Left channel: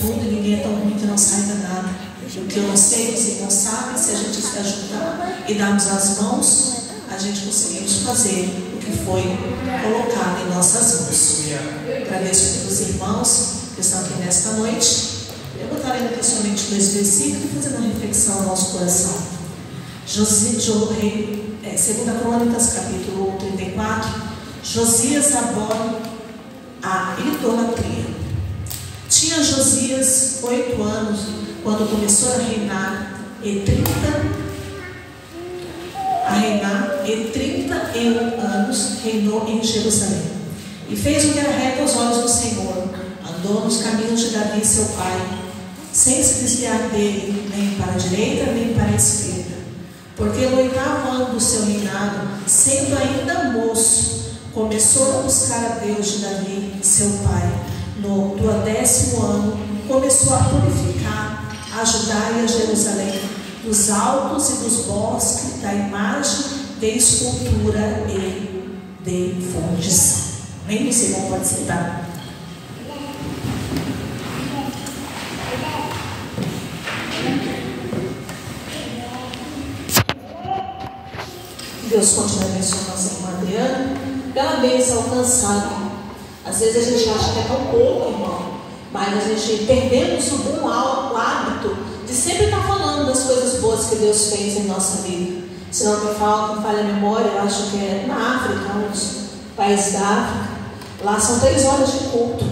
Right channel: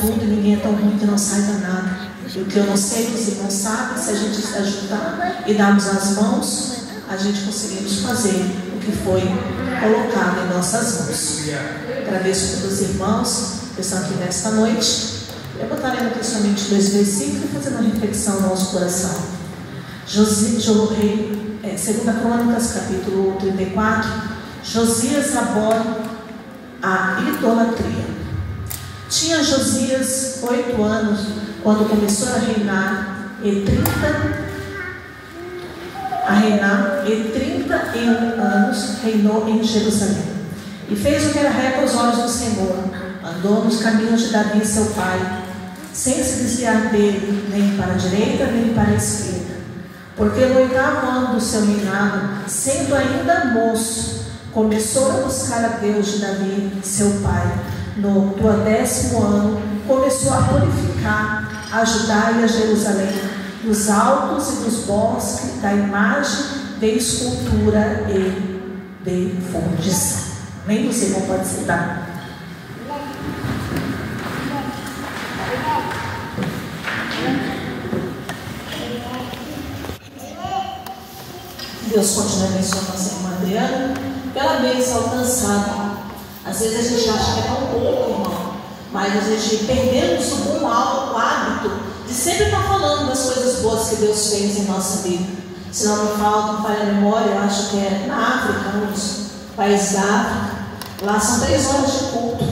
tudo e ninguém é tão ruim que não saiba nada. O que eu não sei, os irmãos sabem, se a gente se ajudar e darmos as mãos, a gente conseguimos fazer o que foi colocado em nossas mãos. Agradeço pelos irmãos que estão aqui nesta noite. Eu botarei aqui somente 2 versículos e fazer uma reflexão no nosso coração. 2 Crônicas, capítulo 34. Josias abole a idolatria. Tinha Josias 8 anos quando começou a reinar, e 31 anos reinou em Jerusalém. E fez o que era reto aos olhos do Senhor. Andou nos caminhos de Davi, seu pai, sem se desviar dele, nem para a direita, nem para a esquerda. Porque no 8º ano do seu reinado, sendo ainda moço, começou a buscar a Deus de Davi, seu pai. No 12º ano, começou a purificar a Judá e a Jerusalém, dos altos e dos bosques, da imagem de escultura e de fundição. Nem você não pode sentar. Deus continue abençoando nossa irmã Adriana. Cada vez alcançado. Às vezes a gente acha que é tão pouco, irmão, mas a gente perdemos o bom hábito de sempre estar falando das coisas boas que Deus fez em nossa vida. Se não me falha a memória, eu acho que é na África, nos países da África. Lá são 3 horas de culto,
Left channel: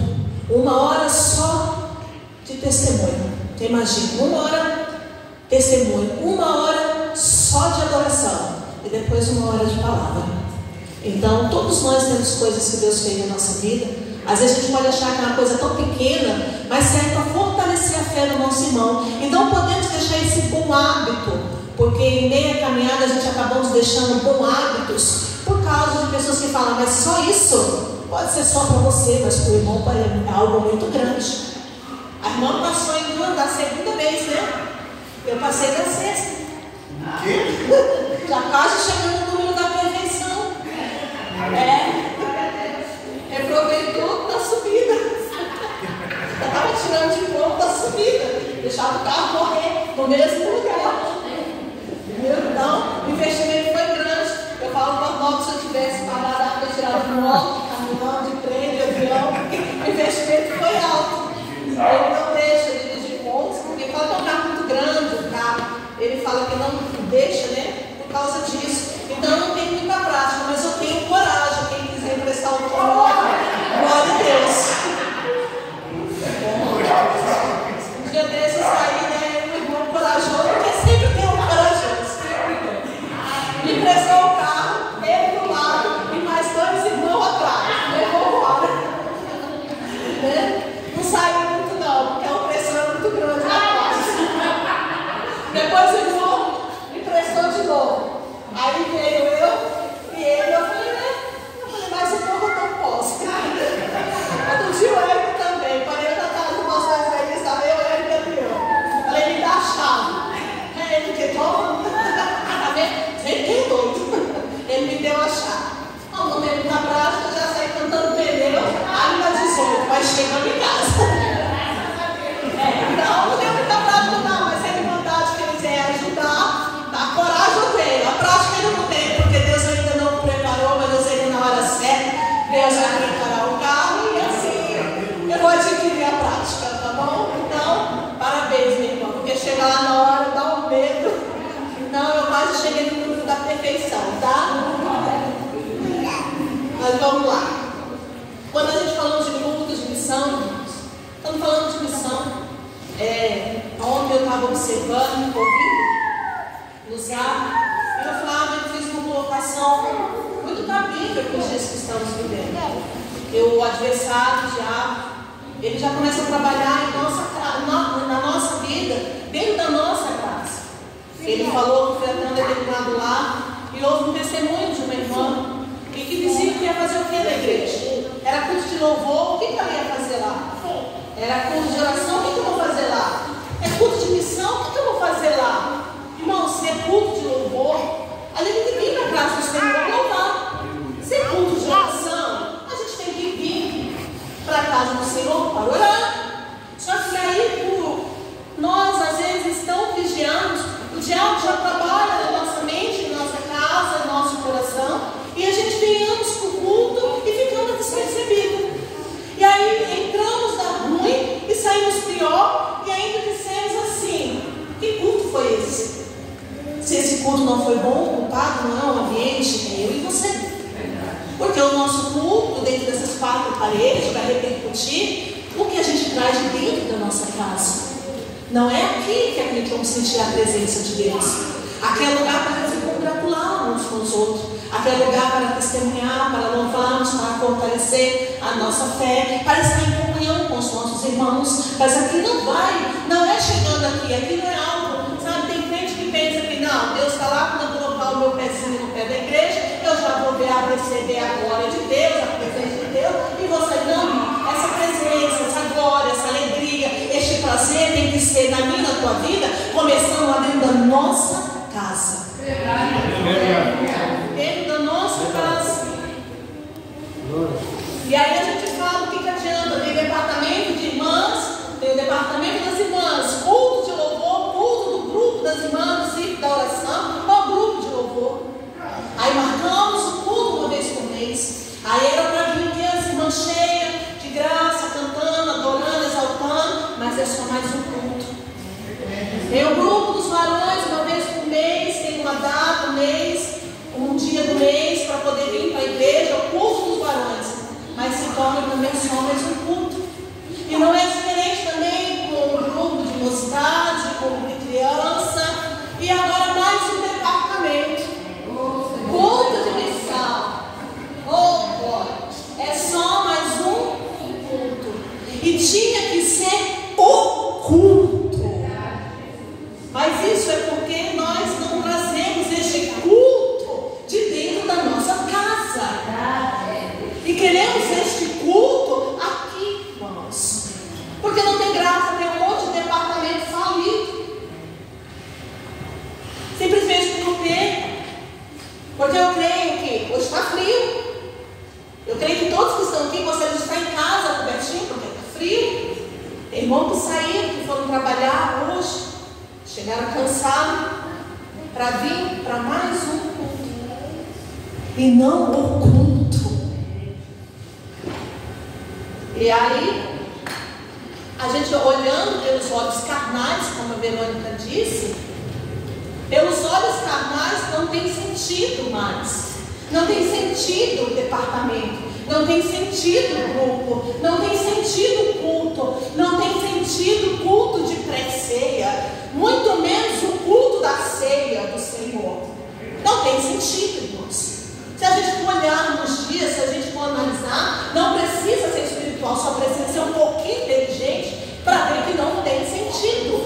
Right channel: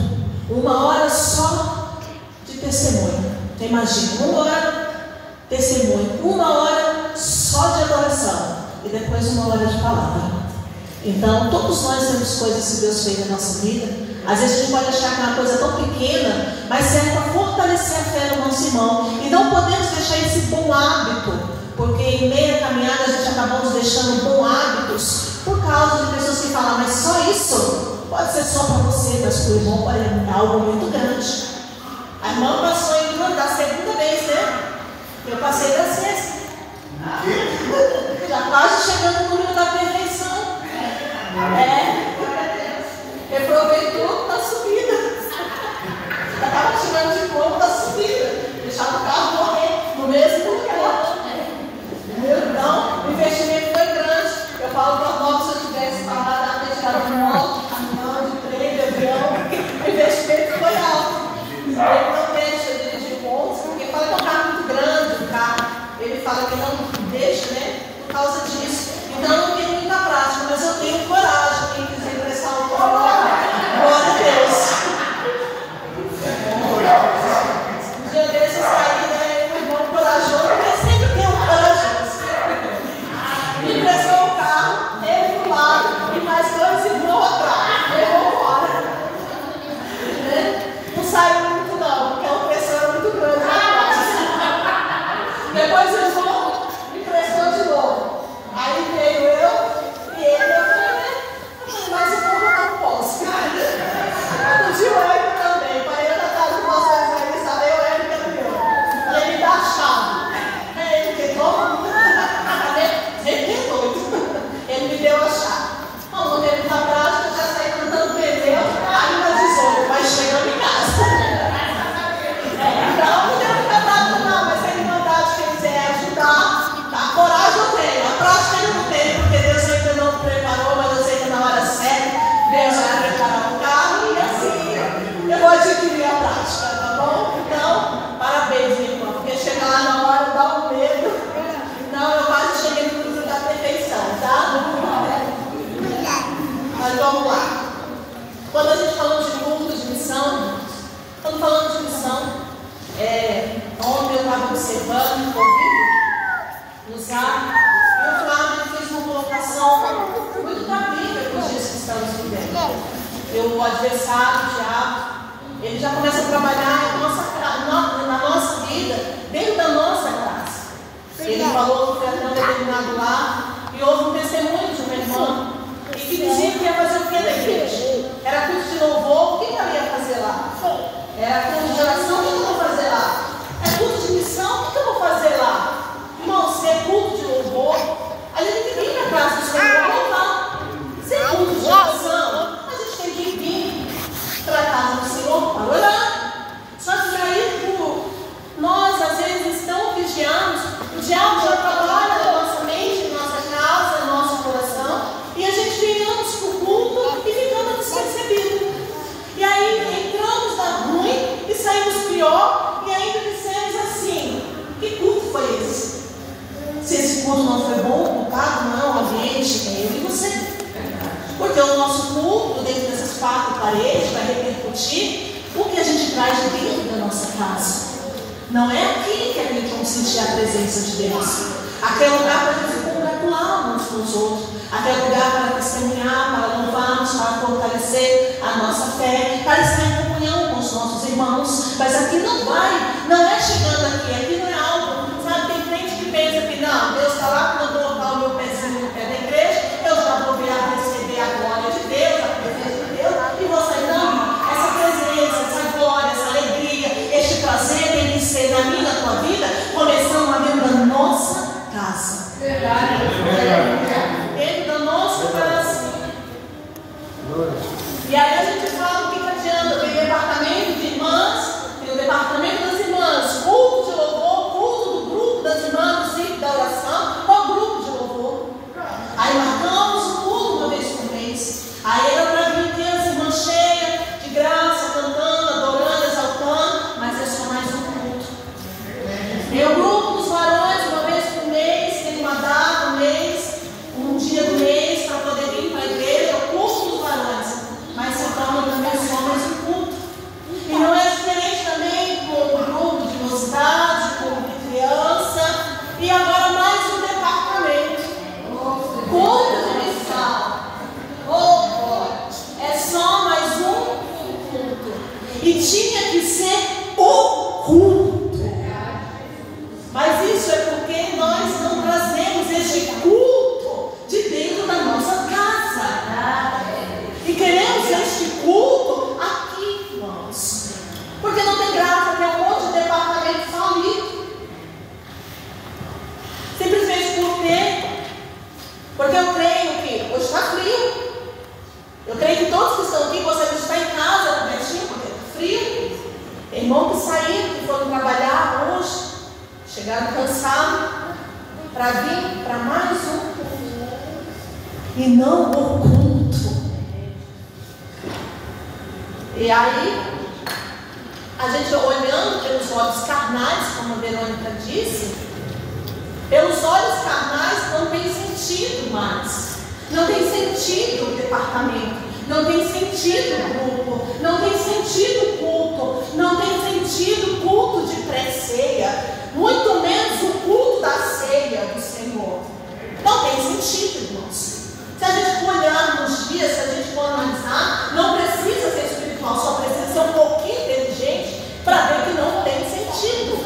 1 hora só de testemunho. Você imagina, 1 hora testemunho, 1 hora só de adoração e depois 1 hora de palavra. Então, todos nós temos coisas que Deus fez na nossa vida. Às vezes a gente pode achar que é uma coisa tão pequena, mas serve para fortalecer a fé do nosso irmão. E não podemos deixar esse bom hábito, porque em meia caminhada a gente acabamos deixando bons hábitos por causa de pessoas que falam, mas só isso pode ser só para você, mas para o irmão pode ser algo muito grande. A irmã passou indo da 2ª vez, né? Eu passei da 6ª. Já quase chegando no número da perfeição. Reprovei tudo na subida. Já estava tirando de ponto da subida. Deixava o carro morrer no mesmo lugar. Então, o investimento foi grande. Eu falo para nós, se eu tivesse pagado a retirada de moto, de caminhão, de trem, de avião, o investimento foi alto. Ele não deixa de dirigir pontos, porque fala que é um carro muito grande, o carro. Ele fala que não deixa, né? Por causa disso. Então eu não tenho muita prática, mas eu tenho coragem. Quem quiser emprestar um carro, glória a Deus. Um dia desses aí, né? Um irmão corajoso, porque sempre tem um corajoso. Me emprestou o carro, ele do lado e mais 2 irmãos atrás. Levou embora. Não saiu muito não, porque a pressão é muito grande. Depois o irmão me emprestou de novo. Aí veio eu e ele, eu falei, mas o povo não posso. Outro dia o Eric também, para eu na casa do nosso evangelista, eu, Eric e Adriano. Falei, me dá a chave. Aí ele que toma, ele que é doido. Ele me deu a chave. Não, no meio da prática, já saí cantando pneu, aí na 18, mas chegando em casa. Então, não deu muita prática não, mas a irmandade que eles é ajudar, a coragem eu tenho, a prática eu não tenho, porque Deus ainda não preparou, mas eu sei que na hora certa, Deus vai preparar o carro e assim, eu vou adquirir a prática, tá bom? Então, parabéns, meu irmão, porque chegar lá na hora dá um medo, então eu quase cheguei no número da perfeição, tá? Mas vamos lá. Quando a gente falou de culto, de missão, estamos falando de missão. Ontem eu estava observando, ouvindo, no Zap, e o Flávio fez uma colocação muito da Bíblia para os dias que estamos vivendo. O adversário, o diabo, ele já começa a trabalhar na nossa vida, dentro da nossa casa. Ele falou que foi até um determinado lar, e houve um testemunho de uma irmã, e que dizia que ia fazer o que na igreja? Era culto de louvor, o que ela ia fazer lá? Era culto de oração, o que eu vou fazer lá? É culto de missão, o que eu vou fazer lá? Irmão, se é culto de louvor, a gente tem que ir na casa do Senhor para louvar. Se é culto de oração, a gente tem que vir para a casa do Senhor para orar. Só que aí nossa casa. Não é aqui que a gente vai sentir a presença de Deus. Aquele lugar para a gente se congratular uns com os outros. Aquele lugar para testemunhar, para louvarmos, para fortalecer a nossa fé, para estar em comunhão com os nossos irmãos. Mas aqui não é chegando aqui não é algo, sabe? Tem crente que pensa que não, Deus está lá, quando eu colocar o meu pezinho no pé da igreja, eu já vou receber a glória de Deus, a presença de Deus, e você não. Essa presença, essa glória, essa alegria, este prazer tem que ser na minha, na tua vida, começando lá dentro da nossa casa. Dentro da nossa casa. E aí a gente fala, o que adianta? Tem departamento de irmãs, tem o departamento das irmãs, culto de louvor, culto do grupo das irmãs, do ciclo da oração, ou grupo de louvor. Aí marcamos o culto uma vez por mês. Aí era para vir ter as irmãs cheias, de graça, cantando, adorando, exaltando, mas é só mais um culto. Tem o grupo dos varões, uma vez por mês, tem uma data, um mês, um dia do mês, para poder vir para a igreja, o culto dos varões. Mas se torna também só mais um culto. E não é diferente também com o grupo de mocidade, com o de criança, e agora mais um departamento. Culto de missão. É só mais um culto. E tinha que ser o culto. Mas isso é porque nós não trazemos este culto de dentro da nossa casa. E queremos este culto aqui, irmãos. Porque não tem graça ter um monte de departamento falido. Simplesmente porque eu creio que hoje está frio. Eu creio que todos que estão aqui gostariam de estar em casa cobertinho, porque está frio. Tem irmãos que saíram, que foram trabalhar hoje, chegaram cansados para vir para mais um culto. E não o culto. E aí, a gente olhando pelos olhos carnais, como a Verônica disse, pelos olhos carnais não tem sentido mais. Não tem sentido o departamento. Não tem sentido o grupo. Não tem sentido o culto. Não tem sentido o culto de pré-ceia. Muito menos o culto da ceia do Senhor. Não tem sentido, irmãos. Se a gente for olhar nos dias, se a gente for analisar, não precisa ser espiritual, só precisa ser um pouquinho inteligente para ver que não tem sentido.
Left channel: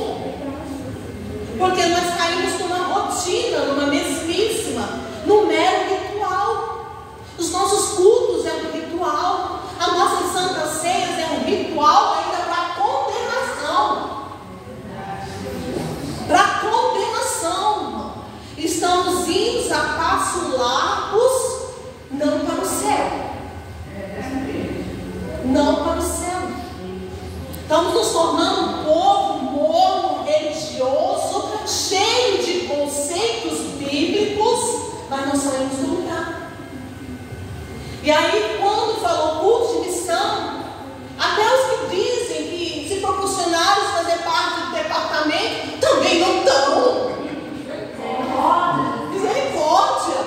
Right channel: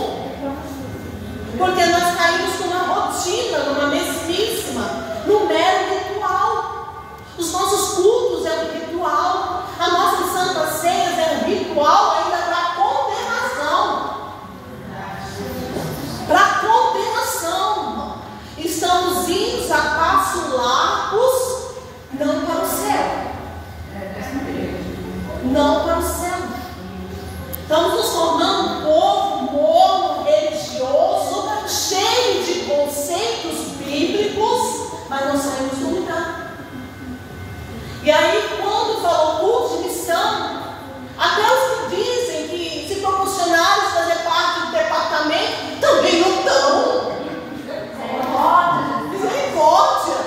Porque nós caímos numa rotina, numa mesmíssima, num mero ritual. Os nossos cultos é um ritual. A nossa Santa Ceia é um ritual ainda para condenação. Para condenação. Estamos indo a passos largos, não para o céu. Não para o céu. Estamos nos tornando um povo morno, religioso, cheio de conceitos bíblicos, mas não saímos do lugar. E aí, quando falou culto de missão, até os que dizem que se proporcionaram fazer parte do departamento, também não estão. Misericórdia.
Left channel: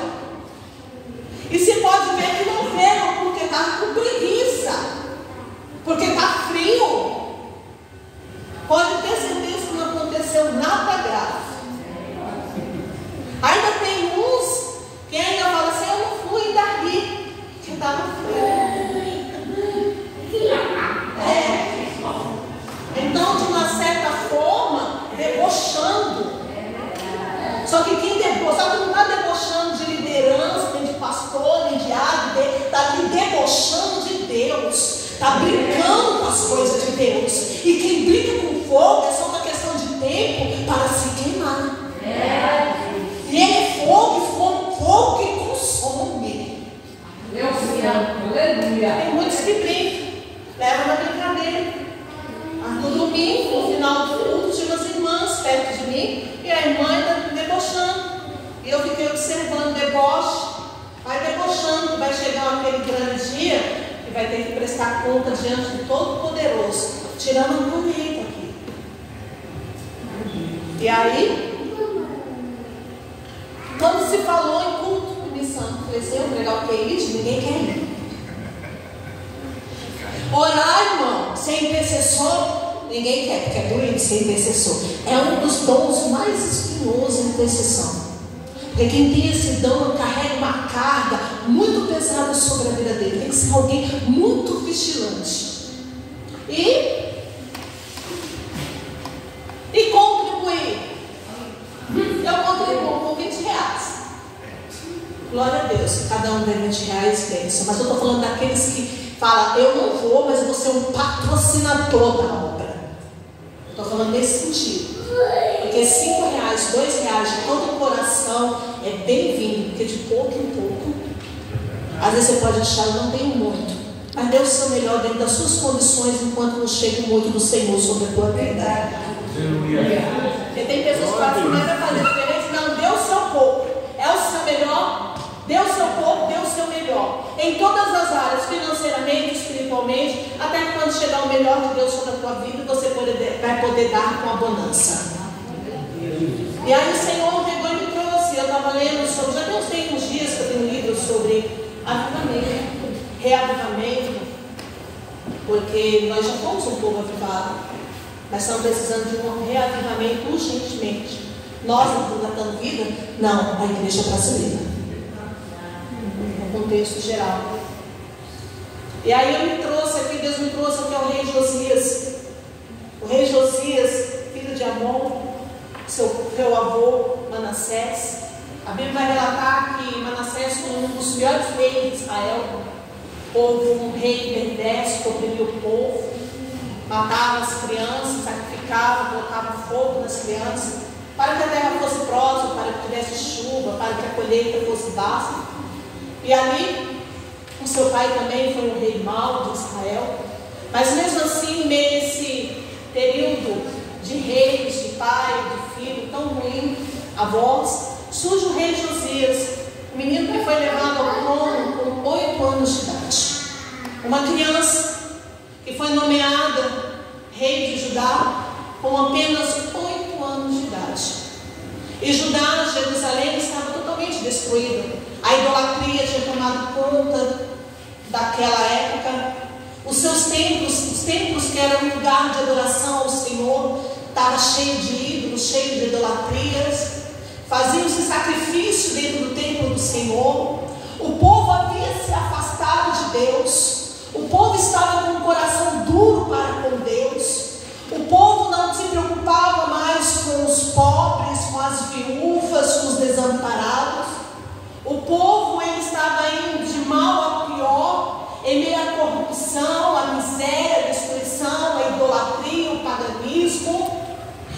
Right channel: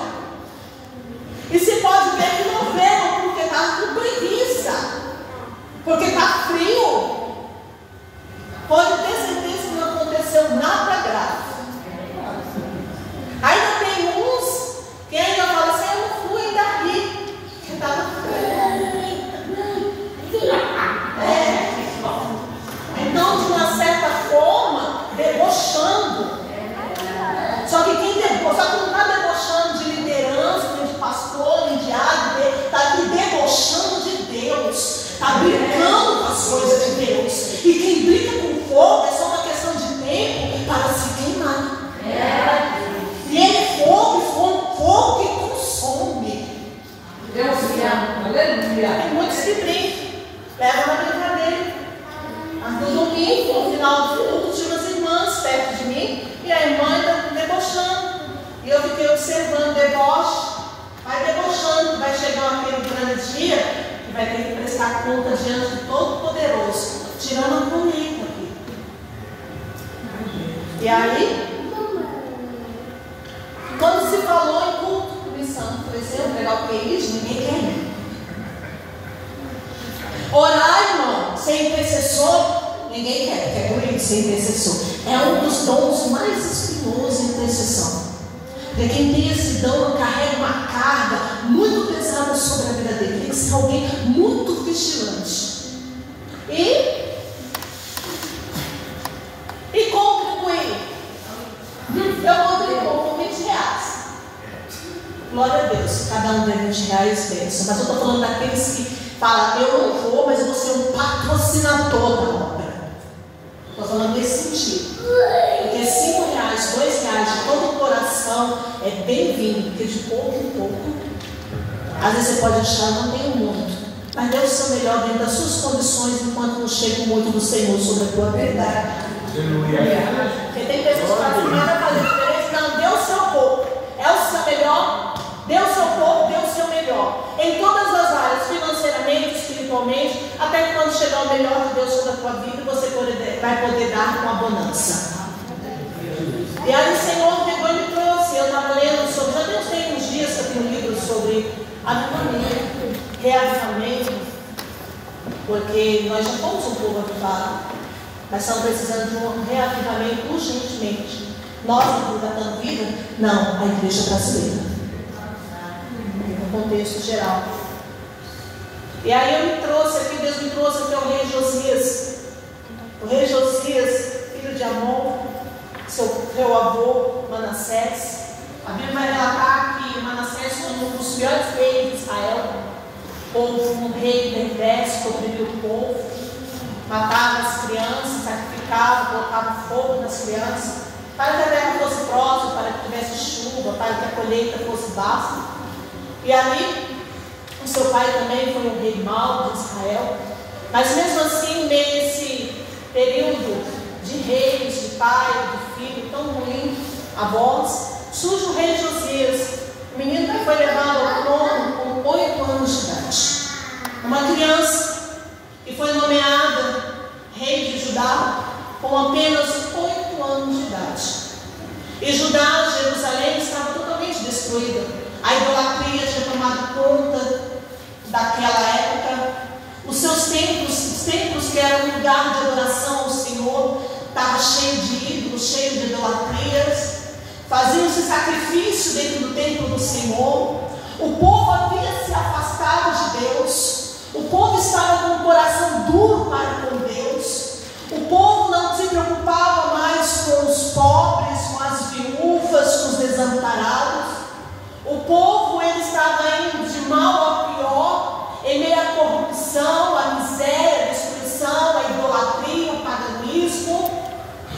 E se pode ver que não veio porque está com preguiça, porque está frio. Pode ter certeza que não aconteceu nada grave. Ainda tem uns que ainda falam assim, eu não fui ainda ri, que estava frio. Então, de uma certa forma, debochando. Só que quem debocha, só que não está debochando de liderança, nem de pastor, nem de diabo, está aqui debochando de Deus. Está brincando com as coisas de Deus. E quem brinca com fogo é só uma questão de tempo para se queimar. E ele é fogo que consome. Deus te ama. Aleluia. Tem muitos que brincam, levam na brincadeira. Mas no domingo, no final do culto, tinha umas irmãs perto de mim e a irmã está debochando. E eu fiquei observando o deboche. Vai debochando, vai chegar aquele grande dia que vai ter que prestar conta diante do Todo-Poderoso, tirando a caneta aqui. E aí, quando se falou em culto de missão, eu falei assim, eu vou pegar o playlist, ninguém quer ir. Orar, irmão, ser intercessor, ninguém quer, porque é doente ser intercessor. É um dos dons mais espinhosos em intercessão. Porque quem tem esse dom carrega uma carga muito pesada sobre a vida dele. Tem que ser alguém muito vigilante. E contribuir. Eu contribuo com 20 reais. Glória a Deus, cada um ganha 20 reais, bênção. Mas eu estou falando daqueles que falam, eu não vou, mas eu vou ser um patrocinador da obra. Estou falando nesse sentido. Porque 5 reais, 2 reais de todo o coração é bem-vindo, porque de pouco em pouco, às vezes você pode achar, eu não tenho muito, mas dê o seu melhor dentro das suas condições, enquanto não chega muito do Senhor sobre a tua verdade. Porque tem pessoas que falam, mas vai fazer diferente? Não, dê o seu pouco, é o seu melhor, dê o seu pouco, dê o seu melhor, em todas as áreas, financeiramente, espiritualmente, até que quando chegar o melhor de Deus sobre a tua vida, você vai poder dar com abundância. E aí o Senhor pegou e me trouxe, eu estava lendo sobre, já tem uns dias que eu tenho um livro sobre avivamento, reavivamento, porque nós já fomos um povo avivado, mas estamos precisando de um reavivamento urgentemente. Nós, aqui Tratando Vida, não, a igreja brasileira, no contexto geral. E aí eu me trouxe aqui, Deus me trouxe aqui ao rei Josias. O rei Josias, filho de Amon, seu avô Manassés. A Bíblia vai relatar que Manassés foi um dos piores reis de Israel. Houve um rei perverso que oprimiu o povo, matava as crianças, sacrificava, colocava fogo nas crianças, para que a terra fosse próspera, para que tivesse chuva, para que a colheita fosse basta. E ali, o seu pai também foi um rei mau de Israel. Mas mesmo assim, nesse período de reis, de pai, de filho tão ruim, avós, surge o rei Josias. O menino que foi levado ao trono com 8 anos de idade. Uma criança que foi nomeada rei de Judá com apenas 8 anos de idade. E Judá, Jerusalém, estava totalmente destruída. A idolatria tinha tomado conta daquela época. Os seus templos, os templos que eram um lugar de adoração ao Senhor, estava cheio de ídolos, cheio de idolatrias. Faziam-se sacrifício dentro do templo do Senhor. O povo havia se afastado de Deus. O povo estava com o coração duro para com Deus. O povo não se preocupava mais com os pobres, com as viúvas, com os desamparados. O povo, ele estava indo de mal a pior, em meio à corrupção, à miséria, à destruição, à idolatria, ao paganismo.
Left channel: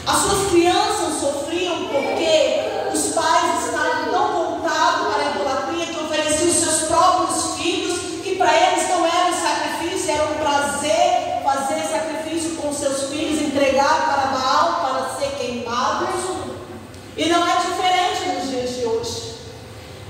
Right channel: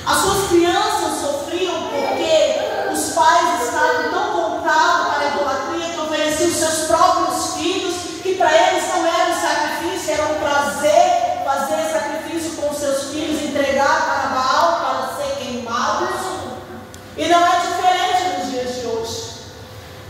As suas crianças sofriam porque os pais estavam tão voltados para a idolatria que ofereciam os seus próprios filhos, que para eles não era um sacrifício, era um prazer fazer sacrifício com seus filhos, entregar para Baal para ser queimados. E não é diferente nos dias de hoje.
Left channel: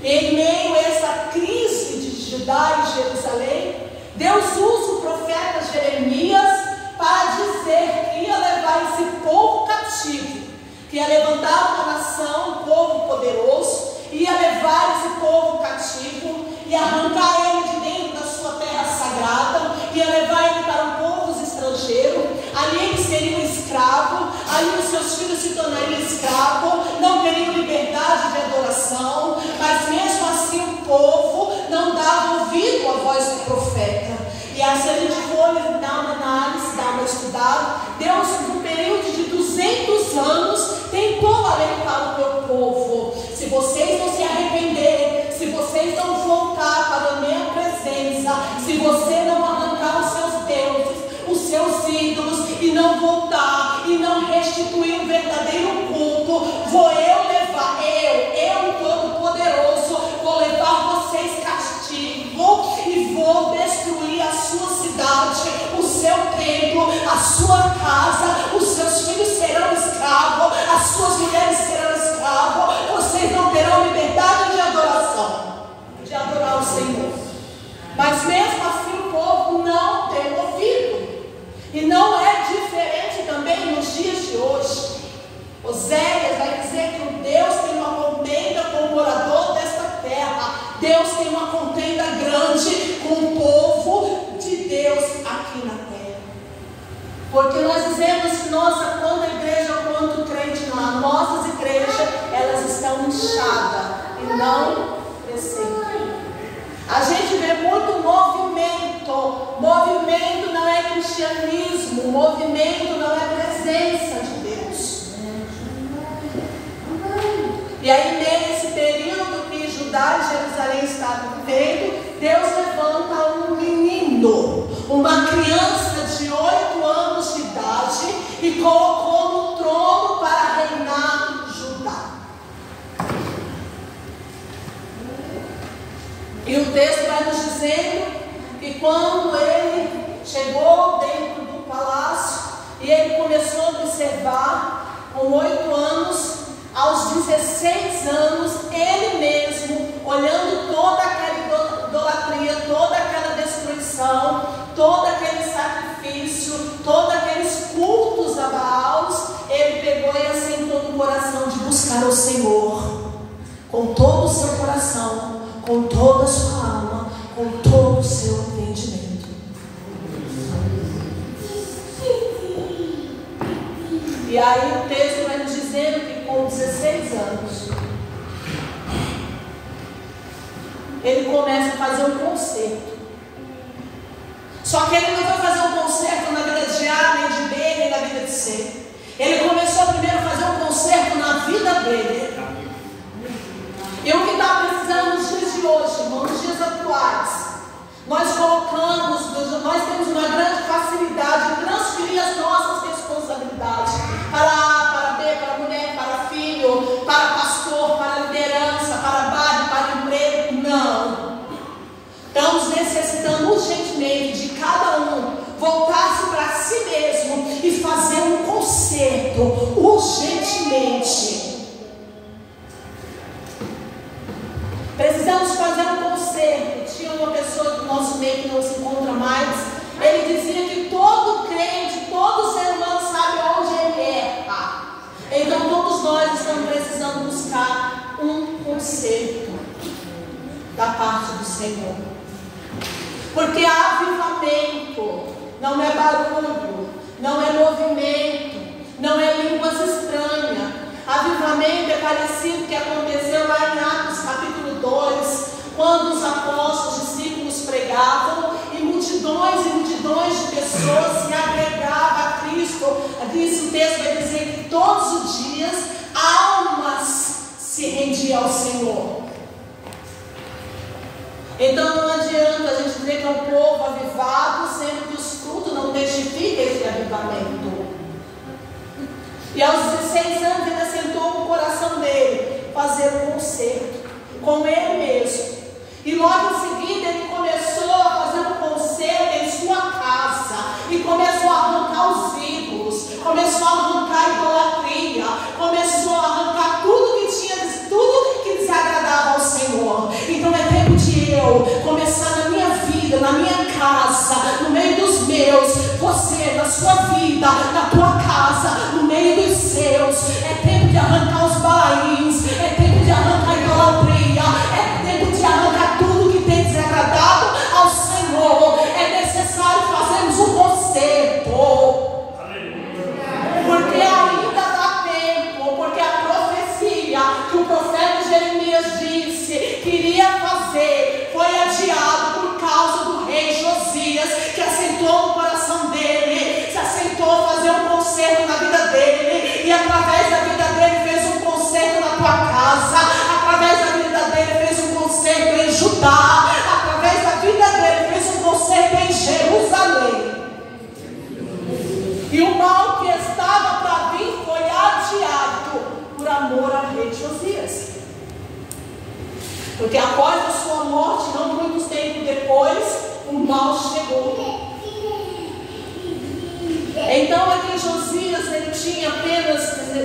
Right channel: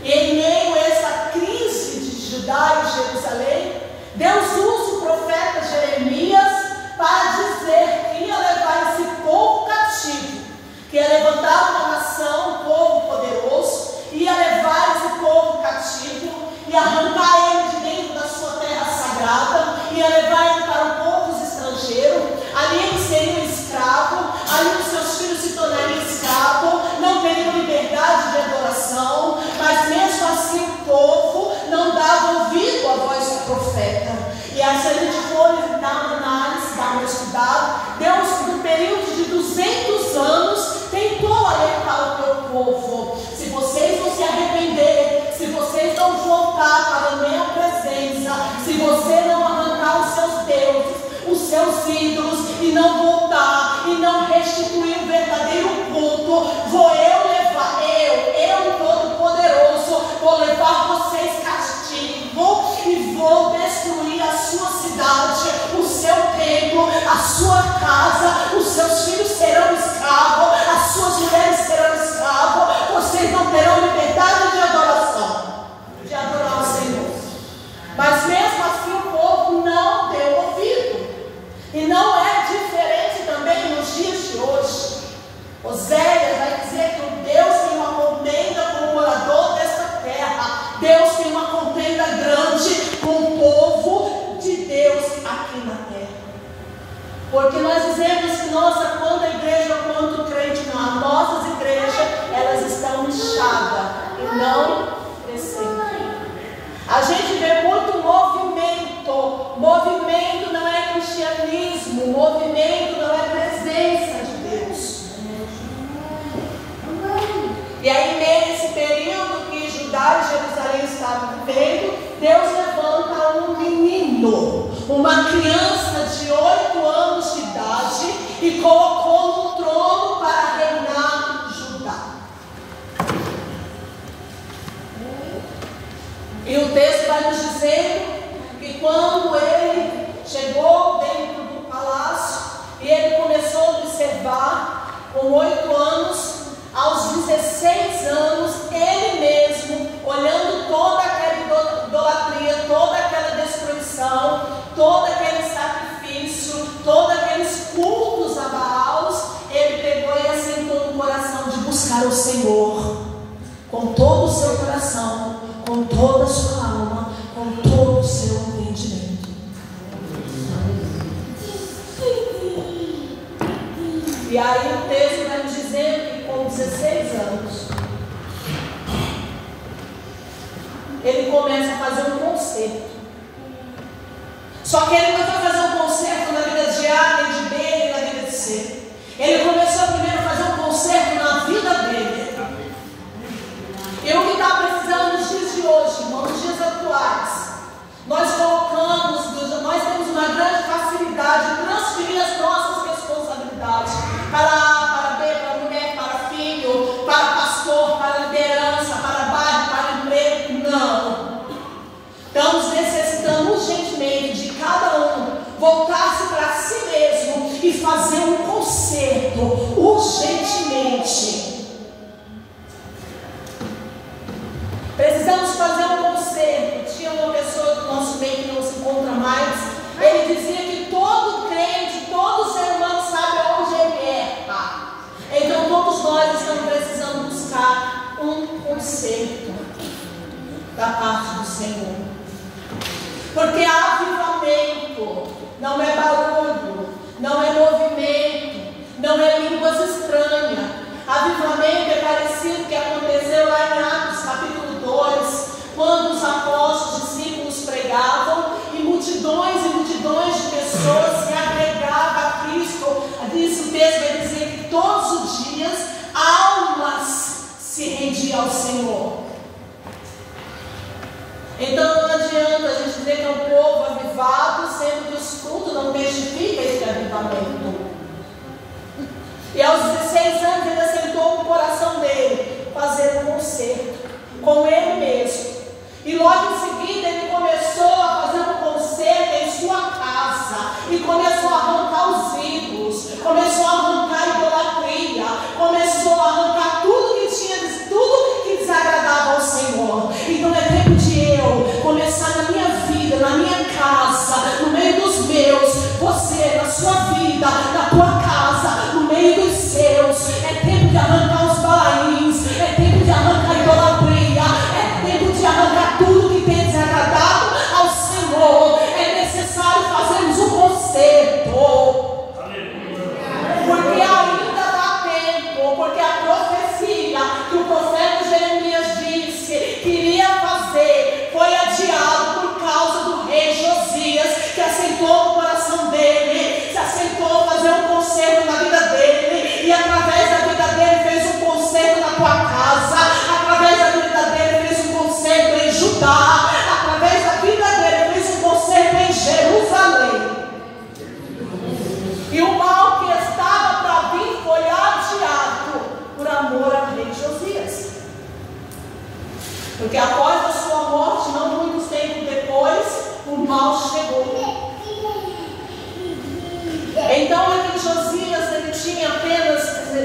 Em meio a essa crise de Judá e Jerusalém, Deus usa o profeta Jeremias para dizer que ia levar esse povo cativo, que ia levantar uma nação, um povo poderoso, ia levar esse povo cativo e arrancar ele de dentro da sua terra sagrada, ia levar ele para um povo estrangeiro. Ali eles seriam escravos, ali os seus filhos se tornariam escravos, não teriam liberdade de adoração, mas mesmo assim o povo não dava ouvido à voz do profeta. E aí, se a gente for dar uma análise, dar uma estudada, Deus, no período de 200 anos, tentou alertar o meu povo: se vocês não se arrepender, se vocês não voltar para a minha presença, se você não arrancar os seus deuses, os seus ídolos, e não voltar, e não restituir o verdadeiro culto, vou eu levar, eu Todo-Poderoso, vou levar vocês castigo e vou destruir a sua cidade, o seu templo, a sua casa. Os seus filhos serão escravos, as suas mulheres serão escravos. Vocês não terão liberdade de adoração, de adorar o Senhor. Mas mesmo assim o povo não deu ouvido. E não é diferente também nos dias de hoje. Oséias vai dizer que Deus tem uma contenda com o morador desta terra. Deus tem uma contenda grande com o povo de Deus aqui na terra. Porque nós dizemos nossa, quando a igreja, quanto o crente não. As nossas igrejas, elas estão inchadas e não crescendo. A gente vê muito movimento. Movimento não é cristianismo. Movimento não é presença de Deus. E aí, nesse período que Judá e Jerusalém estavam vivendo, Deus levanta um menino, uma criança de 8 anos de idade, e colocou no trono para reinar Judá. E o texto vai nos dizendo que quando ele chegou dentro do palácio e ele começou a observar, com 8 anos, aos 16 anos, ele mesmo, olhando toda aquela idolatria, toda aquela destruição, todo aquele sacrifício, todos aqueles cultos a Baals, ele pegou e assentou no coração de buscar o Senhor com todo o seu coração, com toda a sua alma, com todo o seu entendimento. E aí o texto vai nos dizendo que com 16 anos ele começa a fazer um concerto. Só que ele não vai fazer um concerto na vida de A, nem de B, nem na vida de C. Ele começou primeiro a fazer um concerto na vida dele. E o que está precisando nos dias de hoje, irmãos, nos dias atuais, nós temos uma grande facilidade de transferir as nossas responsabilidades para A, para B, para mulher, para filho, para pastor, para liderança, para bairro, para emprego. Não. Estamos necessitando urgentemente de cada um voltar-se para si mesmo e fazer um concerto urgentemente. Precisamos fazer um concerto. Tinha uma pessoa do nosso meio que não se encontra mais. Ele dizia que todo crente, todo ser humano sabe onde ele erra. Então todos nós estamos precisando buscar um concerto da parte do Senhor. Porque avivamento não é barulho, não é movimento, não é línguas estranhas. Avivamento é parecido com o que aconteceu lá em Atos capítulo 2, quando os apóstolos, discípulos pregavam e multidões de pessoas se agregavam a Cristo. Esse texto vai dizer que todos os dias almas se rendiam ao Senhor. Então não adianta a gente dizer que é um povo avivado, sendo que os frutos não testificam esse avivamento. E aos 16 anos ele assentou no coração dele fazer um concerto com ele mesmo. E logo em seguida ele começou a fazer um concerto em sua casa. E começou a arrancar os ídolos, começou a arrancar a idolatria, começou a arrancar tudo que tinha, tudo que desagradava ao Senhor. Então é tempo de eu começar na minha vida, na minha casa, no meio dos meus, você, na sua vida, na tua casa, no meio dos seus. É tempo de arrancar os balaíns, é tempo de arrancar a idolatria, é tempo de arrancar tudo que tem desagradado ao Senhor. É necessário fazermos um concerto, porque ainda dá tempo, porque a profecia que o profeta Jeremias disse que iria fazer foi adiado por causa do rei Josias, que assentou no coração dele, se assentou a fazer um concerto na vida dele, e através da vida dele fez um concerto na tua casa, através da vida dele fez um concerto em Judá, através da vida dele fez um concerto em Jerusalém. E o mal que estava para vir foi adiado por amor ao rei Josias. Porque após a sua morte, não muitos tempos depois, o mal chegou. Então aqui Josias, ele tinha apenas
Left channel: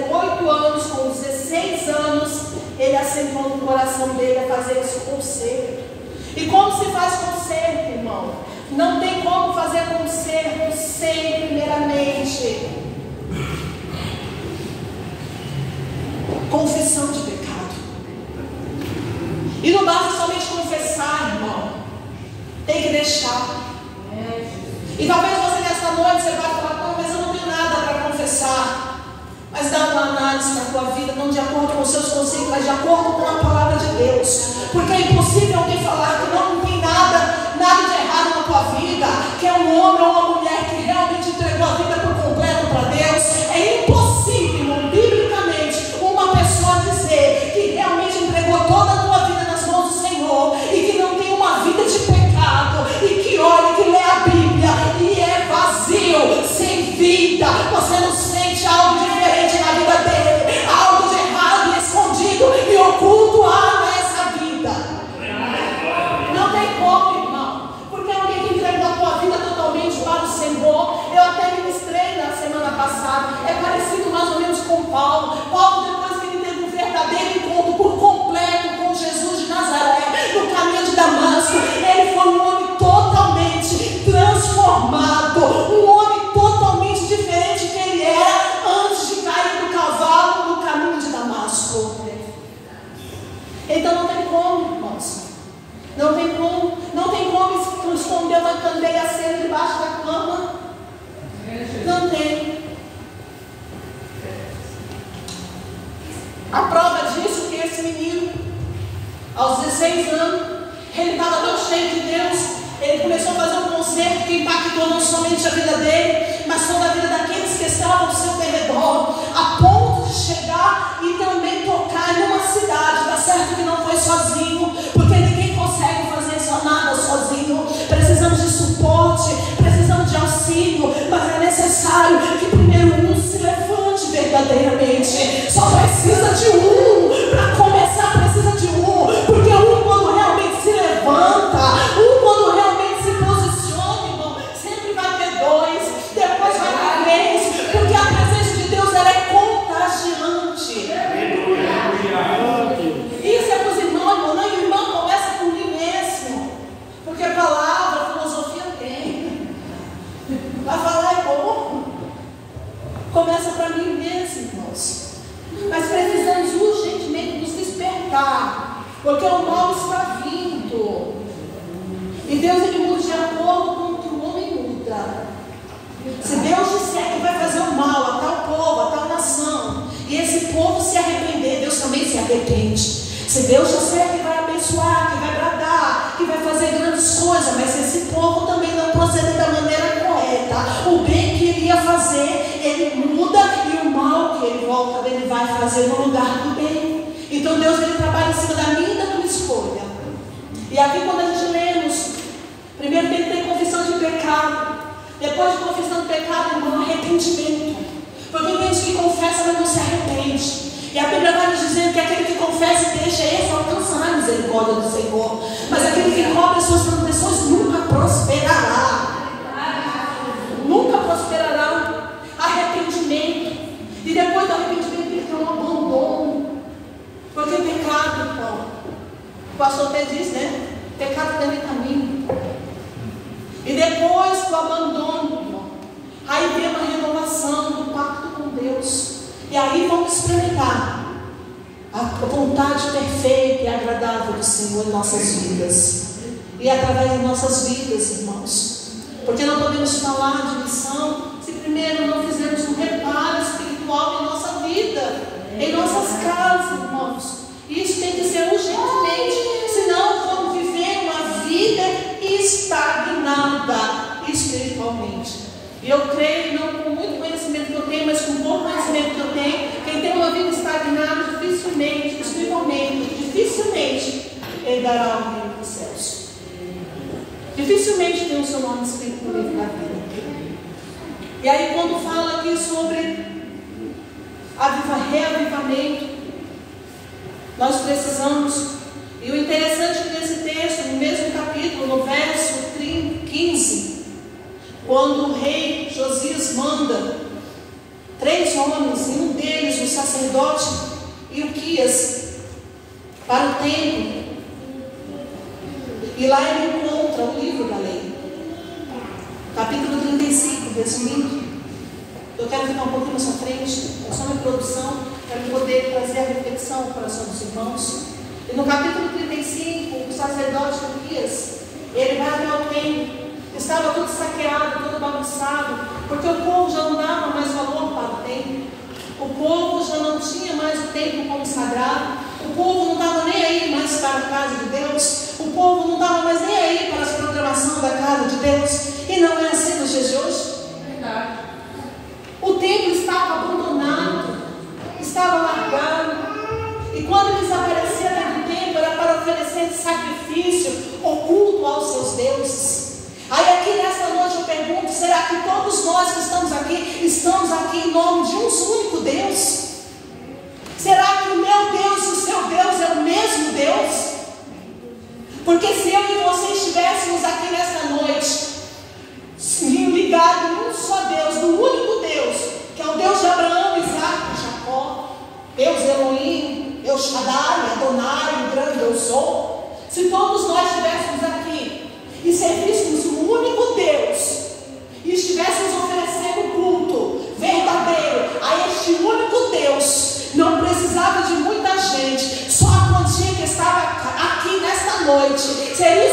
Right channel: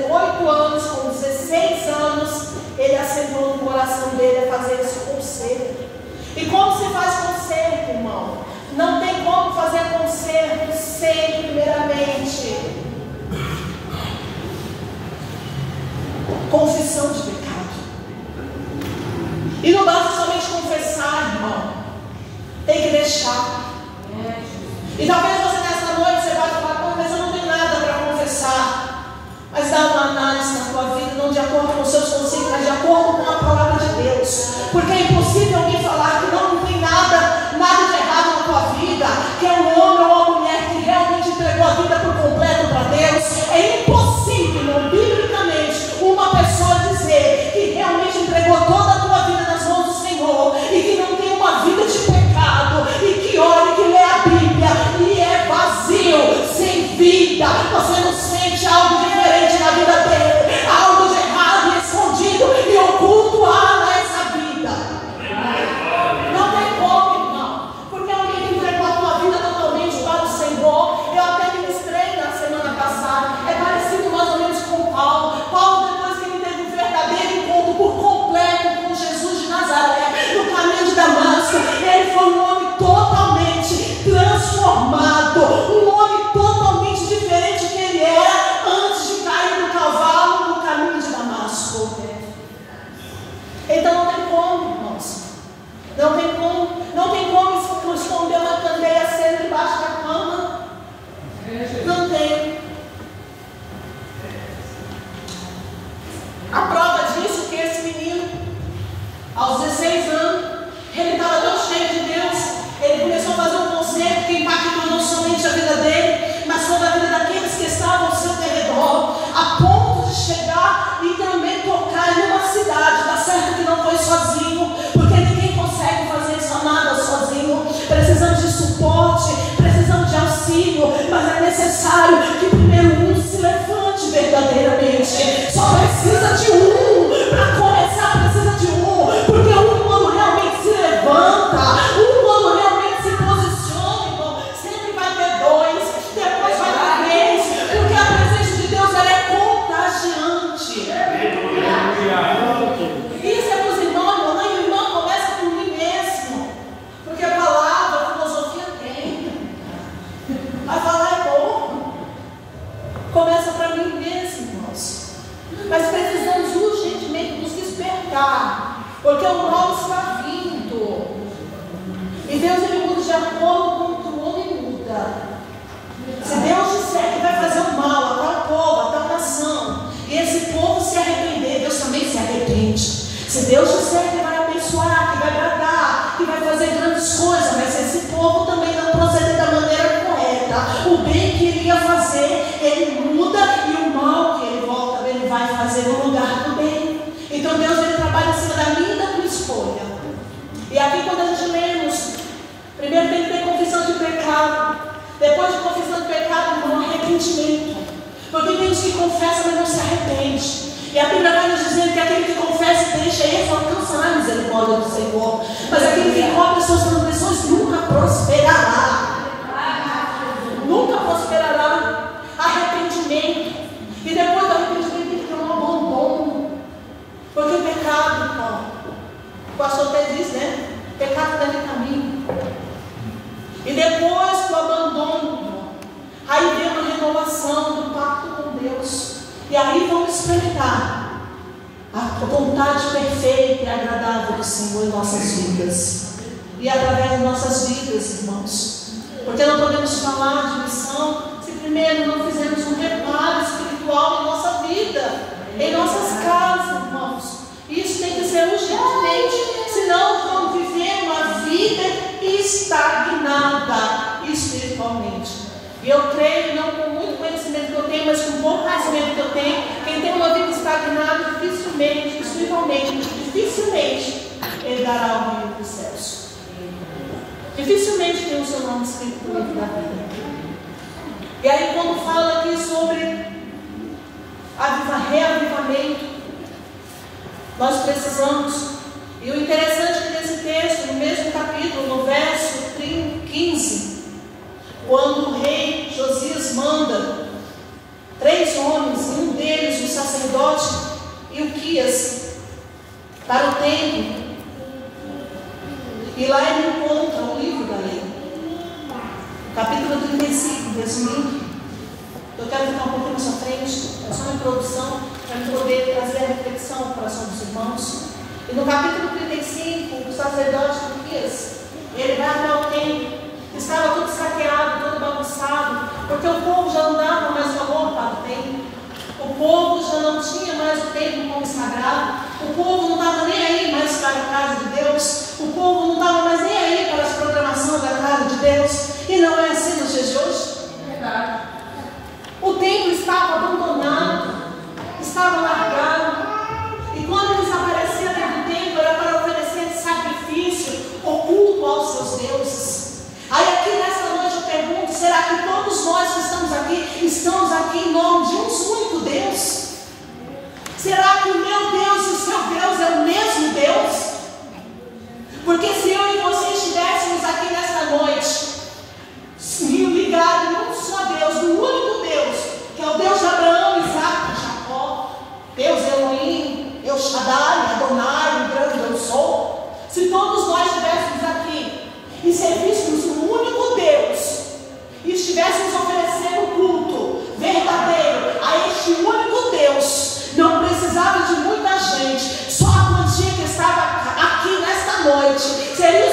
8 anos, com 16 anos, ele assentou no coração dele a fazer esse concerto. E como se faz concerto, irmão? Não tem como fazer concerto sem, primeiramente, confissão de pecado. E não basta somente confessar, irmão. Tem que deixar. E talvez você nessa noite você vai falar, mas eu não tenho nada para confessar. Aos 16 anos, ele estava tão cheio de Deus, ele começou a fazer um concerto que impactou não somente a vida dele, mas toda a vida daqueles que estavam ao seu redor, a ponto de chegar e também tocar em uma cidade. Tá certo que não foi sozinho, porque ninguém consegue fazer isso nada sozinho. Precisamos de suporte, precisamos de auxílio, mas é necessário que primeiro um se levante verdadeiramente. Só precisa de um para começar, precisa de um, porque um quando realmente se levanta, um quando realmente se posiciona, irmão, sempre vai ter dois, depois vai ter três, porque a presença de Deus ela é contagiante. Isso é para os irmãos, irmão, e o irmão começa por mim mesmo, porque a palavra, a filosofia tem, a falar é bom, começa para mim mesmo, irmãos. Mas precisamos urgentemente nos despertar, porque o mal está vindo, e Deus ele muda de acordo com o que o homem muda. Se Deus disser que vai fazer o mal a tal povo, a tal nação, e esse povo se arrepender, Deus também se arrepende. Se Deus disser que vai abençoar, que vai bradar, que vai fazer grandes coisas, mas se esse povo também não proceder da maneira correta, o bem que ele ia fazer, ele muda, e o mal que ele volta, ele vai fazer no lugar do bem. Então Deus ele trabalha em cima da minha e da tua escolha. E aqui quando a gente lemos, primeiro tem que ter confissão de pecado, depois de confissão de pecado, irmão, arrependimento. Porque tem gente que confessa, mas não se arrepende. E a Bíblia vai nos dizendo que aquele que confessa e deixa, esse alcançará a misericórdia do Senhor. Mas aquele que cobre as suas transgressões nunca prosperará. Nunca prosperará. Arrependimento. E depois do arrependimento ele tem um abandono. Porque pecado, irmão, o pastor até diz, né? Pecado deve caminho. E depois do abandono, irmão, aí vem uma renovação do pacto com Deus. E aí vamos experimentar a vontade perfeita e agradável do Senhor em nossas vidas. E através de nossas vidas, irmãos. Porque não podemos falar de missão se primeiro não fizermos um reparo espiritual em nossa vida, em nossas casas, irmãos. Isso tem que ser urgentemente, senão vamos viver uma vida estagnada espiritualmente. E eu creio, não com muito conhecimento que eu tenho, mas com pouco conhecimento que eu tenho, quem tem uma vida estagnada, dificilmente, ele dará o reino dos céus. Dificilmente tem o seu nome escrito no livro da vida. E aí quando fala aqui sobre reavivamento, nós precisamos, e o interessante é que nesse texto, no mesmo capítulo, no verso 15, quando o rei Josias manda 3 homens, e um deles, o sacerdote Ilquias, para o templo, e lá ele encontra o livro da lei, capítulo 35, resumindo. Eu quero ficar um pouquinho na sua frente, é só uma introdução, para poder trazer a reflexão ao coração dos irmãos. E no capítulo 35, o sacerdote Ilquias, ele vai até o templo. Estava tudo saqueado, todo bagunçado, porque o povo já não dava mais valor para o templo. O povo já não tinha mais o templo como sagrado. O povo não estava nem aí mais para a casa de Deus. O povo não estava mais nem aí para as programações da casa de Deus. E não é assim nos dias de hoje. Verdade. O templo estava abandonado, estava largado. E quando eles apareciam dentro do templo, era para oferecer sacrifício oculto aos seus deuses. Aí aqui nesta noite eu pergunto, será que todos nós que estamos aqui em nome de um único Deus? Será que o meu Deus e o seu Deus é o mesmo Deus? Porque se eu e você estivéssemos aqui nesta noite, ligados num só Deus, no único Deus, que é o Deus de Abraão, Isaac e Jacó, Deus Elohim, El Shaddai, Adonai, o grande eu sou, se todos nós estivéssemos aqui e servíssemos o único Deus, e estivéssemos oferecendo culto verdadeiro a este único Deus, não precisava de muita gente, só a quantia que estava aqui nesta noite, seria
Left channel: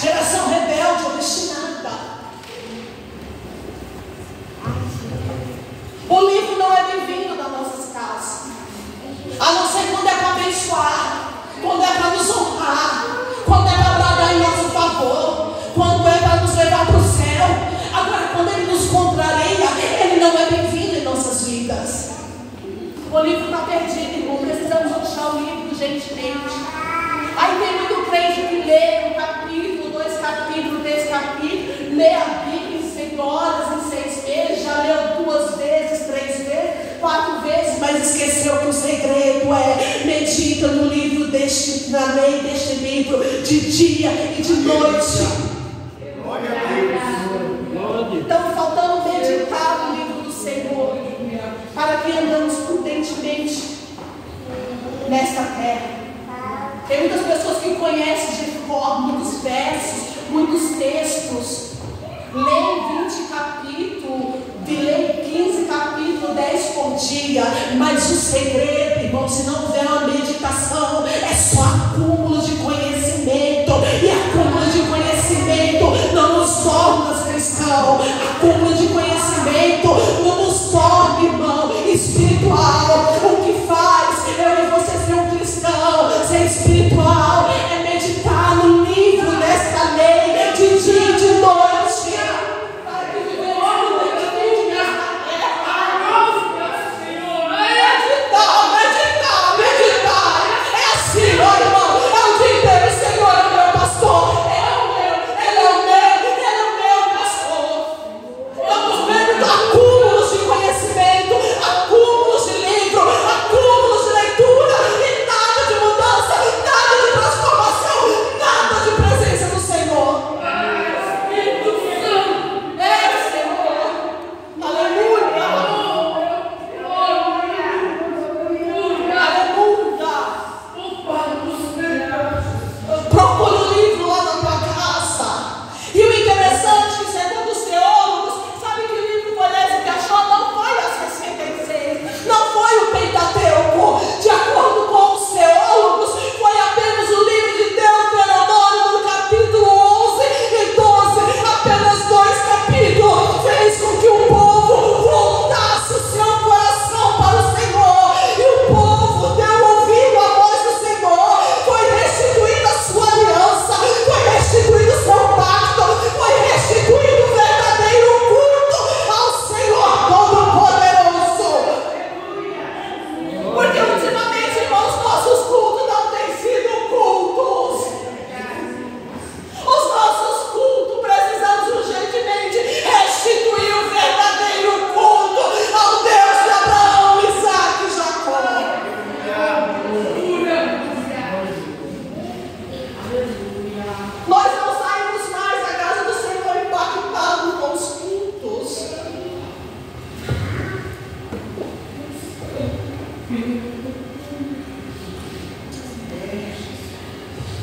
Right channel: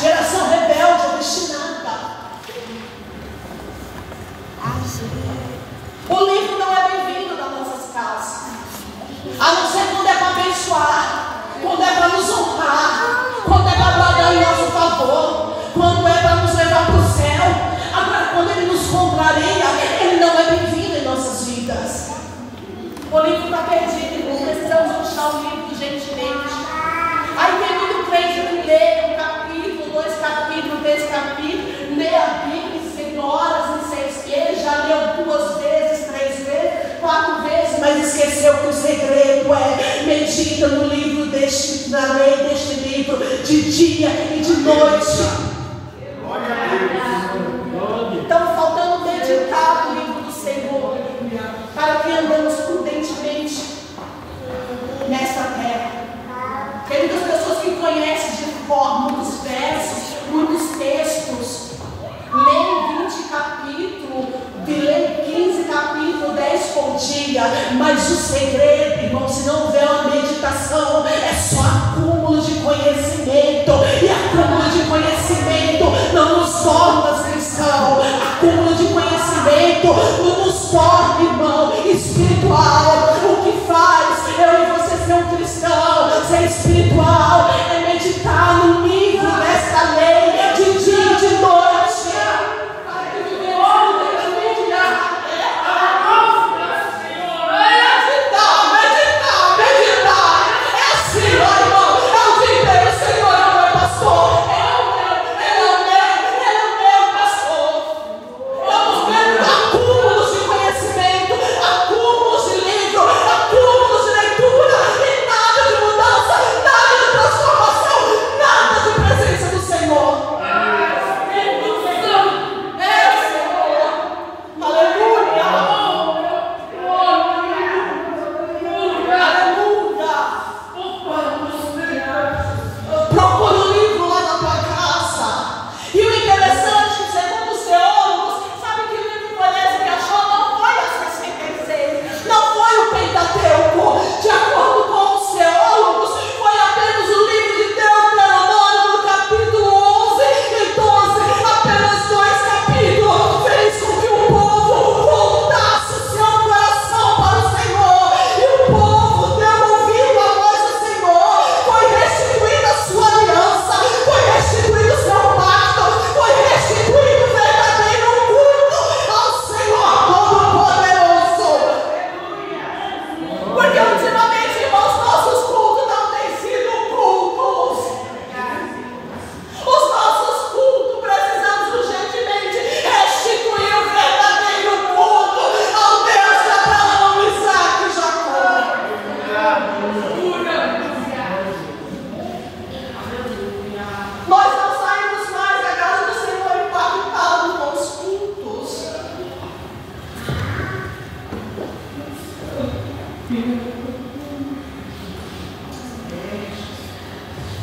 geração rebelde, obstinada. O livro não é bem-vindo nas nossas casas, a não ser quando é para abençoar, quando é para nos honrar, quando é para trabalhar em nosso favor, quando é para nos levar para o céu. Agora, quando ele nos contraria, ele não é bem-vindo em nossas vidas. O livro está perdido, irmão. Precisamos achar o livro gentilmente. Aí tem muito crente que lê um capítulo, 2 capítulos, 3 capítulos, lê a Bíblia em 5 horas, em 6 meses, já leu 2 vezes, 3 vezes, 4 vezes, mas esqueceu que o segredo é medita no livro na lei deste livro, de dia e de noite. Estamos faltando meditar no livro do Senhor, para que andamos prudentemente nesta terra. Tem muitas pessoas que conhecem de forma muitos versos, muitos textos, leem 20 capítulos, leem 15 capítulos, 10 por dia, mas o segredo, irmão, se não houver uma meditação, é só acúmulo de conhecimento, e acúmulo de conhecimento não nos torna cristãos, acúmulo de conhecimento não nos torna, irmão, espiritual. O que faz eu e você ser um cristão, ser espiritual, é meditar no livro desta lei de dia e de noite.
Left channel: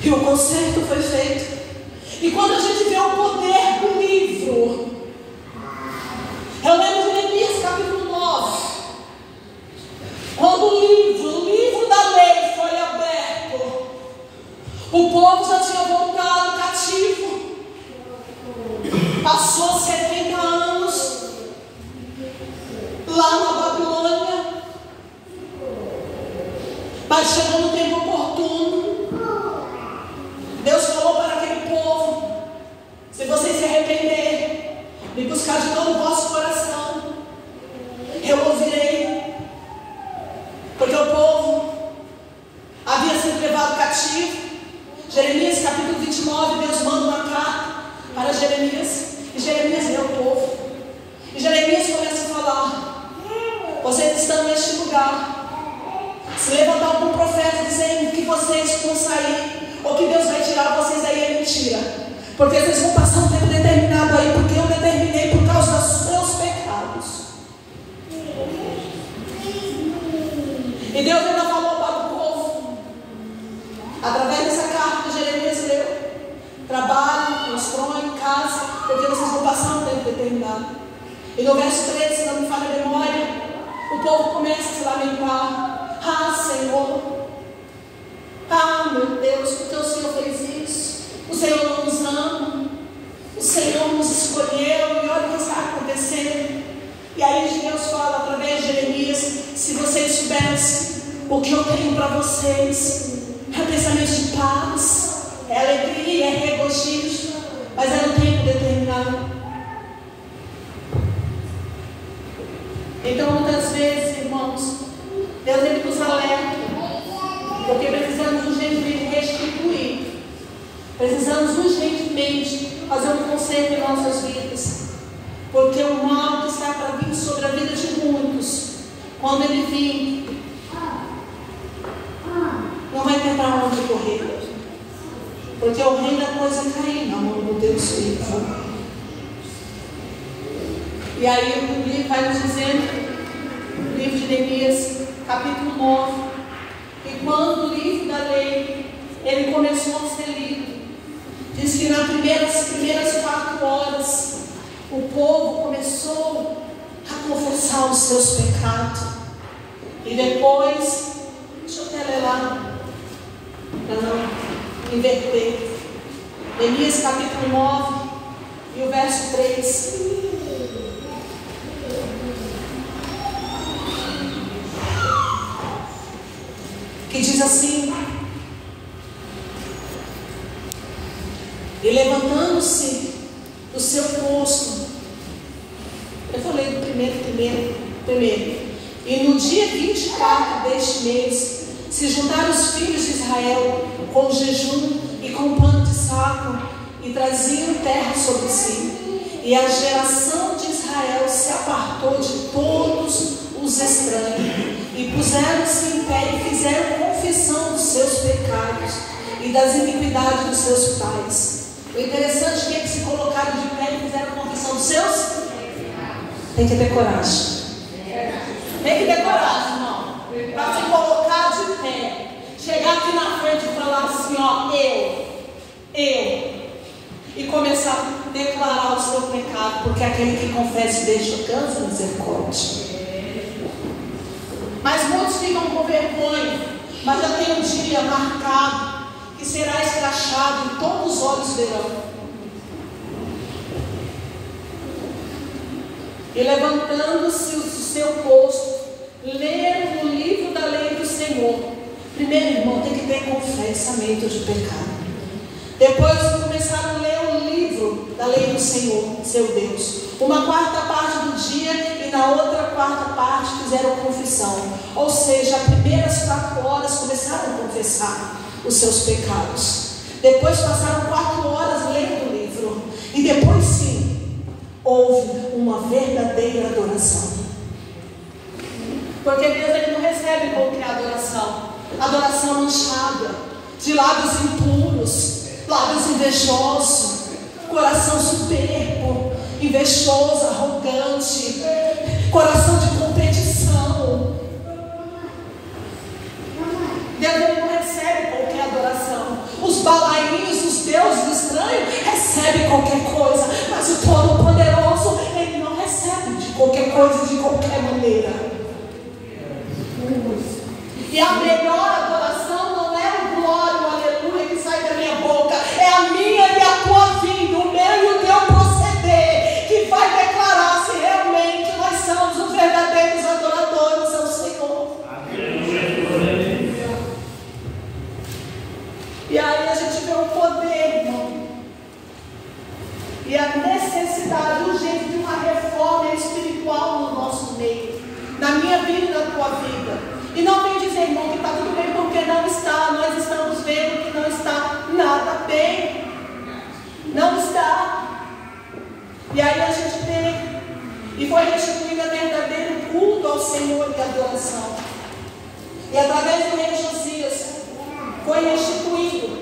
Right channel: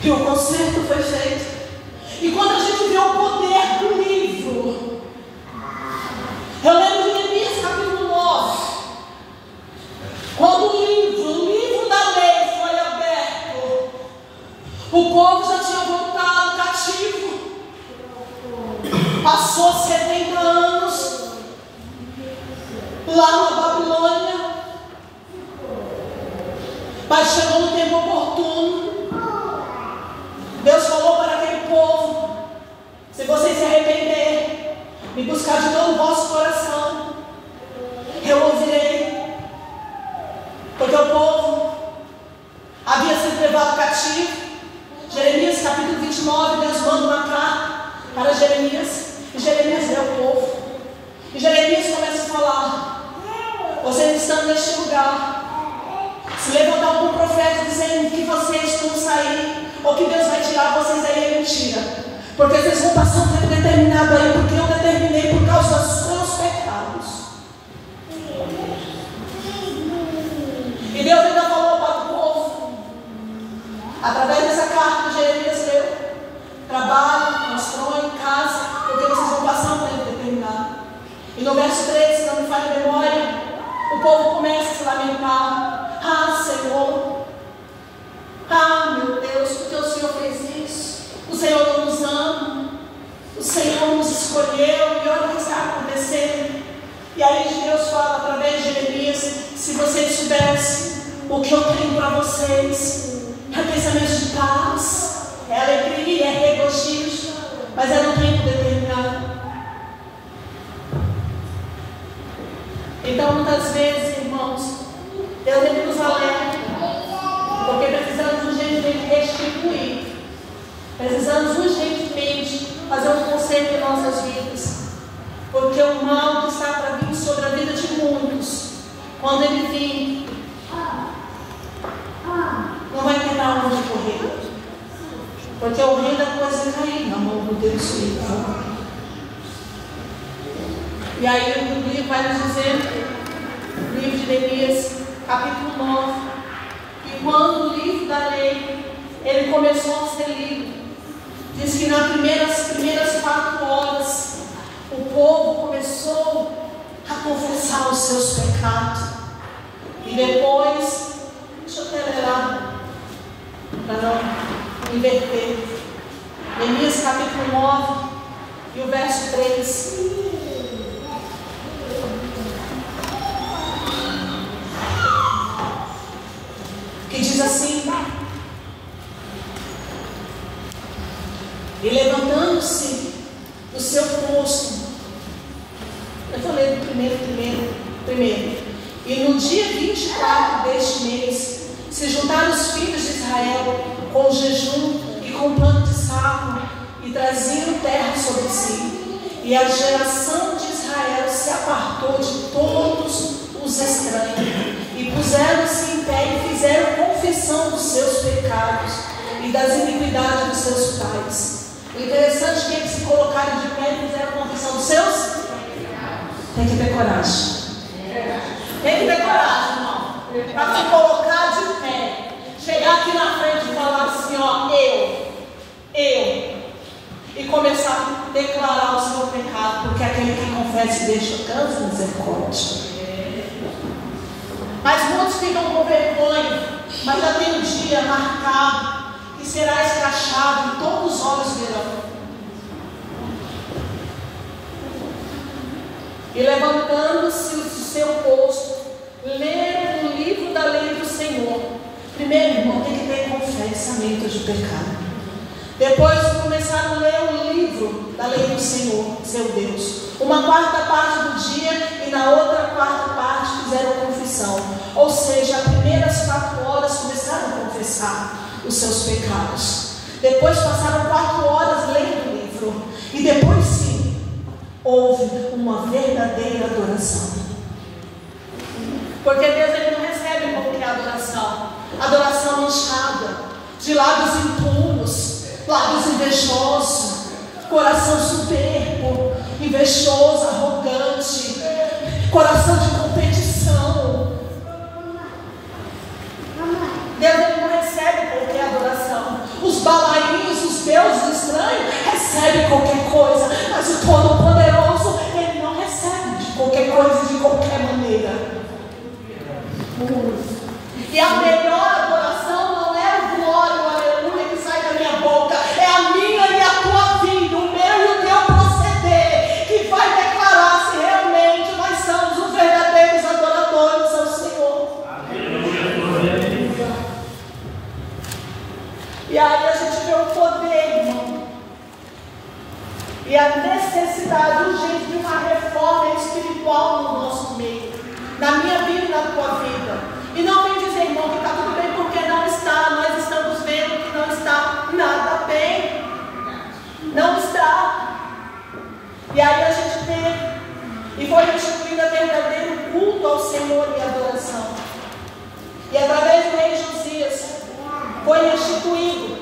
E o conserto foi feito. E quando a gente vê o poder do livro, eu lembro de Neemias capítulo 9, quando o livro da lei foi aberto, o povo já tinha voltado cativo, passou 70 anos lá na Babilônia, mas chegou no tempo oportuno. Deus falou para aquele povo: se vocês se arrepender, me buscar de todo o vosso coração, eu ouvirei. Porque o povo havia sido levado cativo. Jeremias capítulo 29, Deus manda uma carta para Jeremias, e Jeremias lê o povo, e Jeremias começa a falar: vocês estão neste lugar, se levantar algum profeta dizendo que vocês vão sair, ou que Deus vai tirar vocês daí, é mentira. Porque vocês vão passar um tempo determinado aí, porque eu determinei por causa dos seus pecados. E Deus ainda falou para o povo, através dessa carta que Jeremias deu: trabalhem, constroem casa, porque vocês vão passar um tempo determinado. E no verso 13, se não me falha a memória, o povo começa a se lamentar: ah, Senhor, ah, meu Deus, porque o Senhor fez isso? O Senhor não nos ama. Senhor nos escolheu e olha o que está acontecendo. E aí Deus fala através de Jeremias: se vocês soubessem o que eu tenho para vocês, é pensamento de paz, é alegria, é regozijos, mas é no tempo determinado. Então muitas vezes, irmãos, Deus ele nos alerta, porque precisamos urgentemente restituir, precisamos urgentemente fazer um conserto em nossas vidas, porque o mal que está para vir sobre a vida de muitos, quando ele vir, não vai ter para onde correr, porque o reino da coisa é cair na mão do Deus vivo. E aí o livro vai nos dizer, no livro de Jeremias, capítulo 9, que quando o livro da lei ele começou a ser lido, diz que nas primeiras 4 horas o povo começou a confessar os seus pecados. E depois, deixa eu até ler lá, para não inverter. Jeremias capítulo 9 e o verso 3. Que diz assim: e levantando-se do seu posto, eu vou ler primeiro, e no dia 24 deste mês, se juntaram os filhos de Israel com jejum e com pano de saco, e traziam terra sobre si, e a geração de Israel se apartou de todos os estranhos, e puseram-se em pé e fizeram confissão dos seus pecados e das iniquidades dos seus pais. O interessante é que eles se colocaram de pé e fizeram confissão dos seus. Tem que ter coragem. Tem que ter coragem, irmão, para se colocar de pé, chegar aqui na frente e falar assim, ó, eu, e começar a declarar o seu pecado, porque aquele que confessa e deixa cansa misericórdia. Mas muitos ficam com vergonha, mas já tem um dia marcado que será escrachado e todos os olhos verão. E levantando-se do seu posto, leram o livro da lei do Senhor. Primeiro, irmão, tem que ter confessamento de pecado. Depois começaram a ler o livro da lei do Senhor, seu Deus. Uma 4ª parte do dia e na outra 4ª parte fizeram a confissão. Ou seja, as primeiras 4 horas começaram a confessar os seus pecados. Depois passaram 4 horas lendo o livro. E depois sim, houve uma verdadeira adoração. Porque Deus ele não recebe qualquer adoração. Adoração manchada, de lábios impuros, lábios invejosos, coração soberbo, invejoso, arrogante, coração de competição. Deus ele não recebe qualquer adoração. Os balaínos, os deuses estranhos recebem qualquer coisa, mas o Todo-Poderoso ele não recebe de qualquer coisa, de qualquer maneira. E a melhor adoração não é o glória, o aleluia que sai da minha boca, é a minha e a tua vida, o meu e o teu proceder, que vai declarar se realmente nós somos os verdadeiros adoradores ao Senhor. Aleluia. E aí a gente vê o poder, irmão, e a necessidade urgente de uma reforma espiritual no nosso meio, na minha vida e na tua vida. E não vem dizer, irmão, que está tudo bem, porque não está. Nós estamos vendo que não está nada bem. Não está. E aí a gente tem, e foi restituído a verdadeiro culto ao Senhor e adoração. E através do rei Josias foi restituído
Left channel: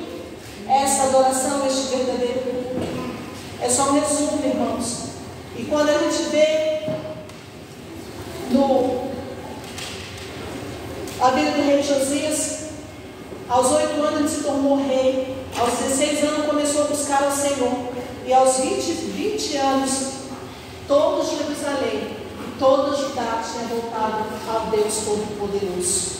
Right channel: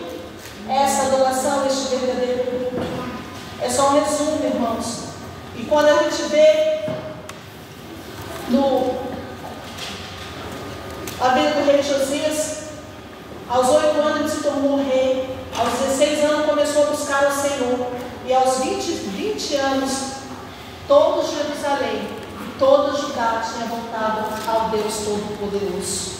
essa adoração, este verdadeiro culto. É só um resumo, irmãos. E quando a gente vê a vida do rei Josias, aos 8 anos ele se tornou rei, aos 16 anos começou a buscar ao Senhor, e aos 20 anos, toda Jerusalém, toda Judá tinha voltado ao Deus Todo-Poderoso.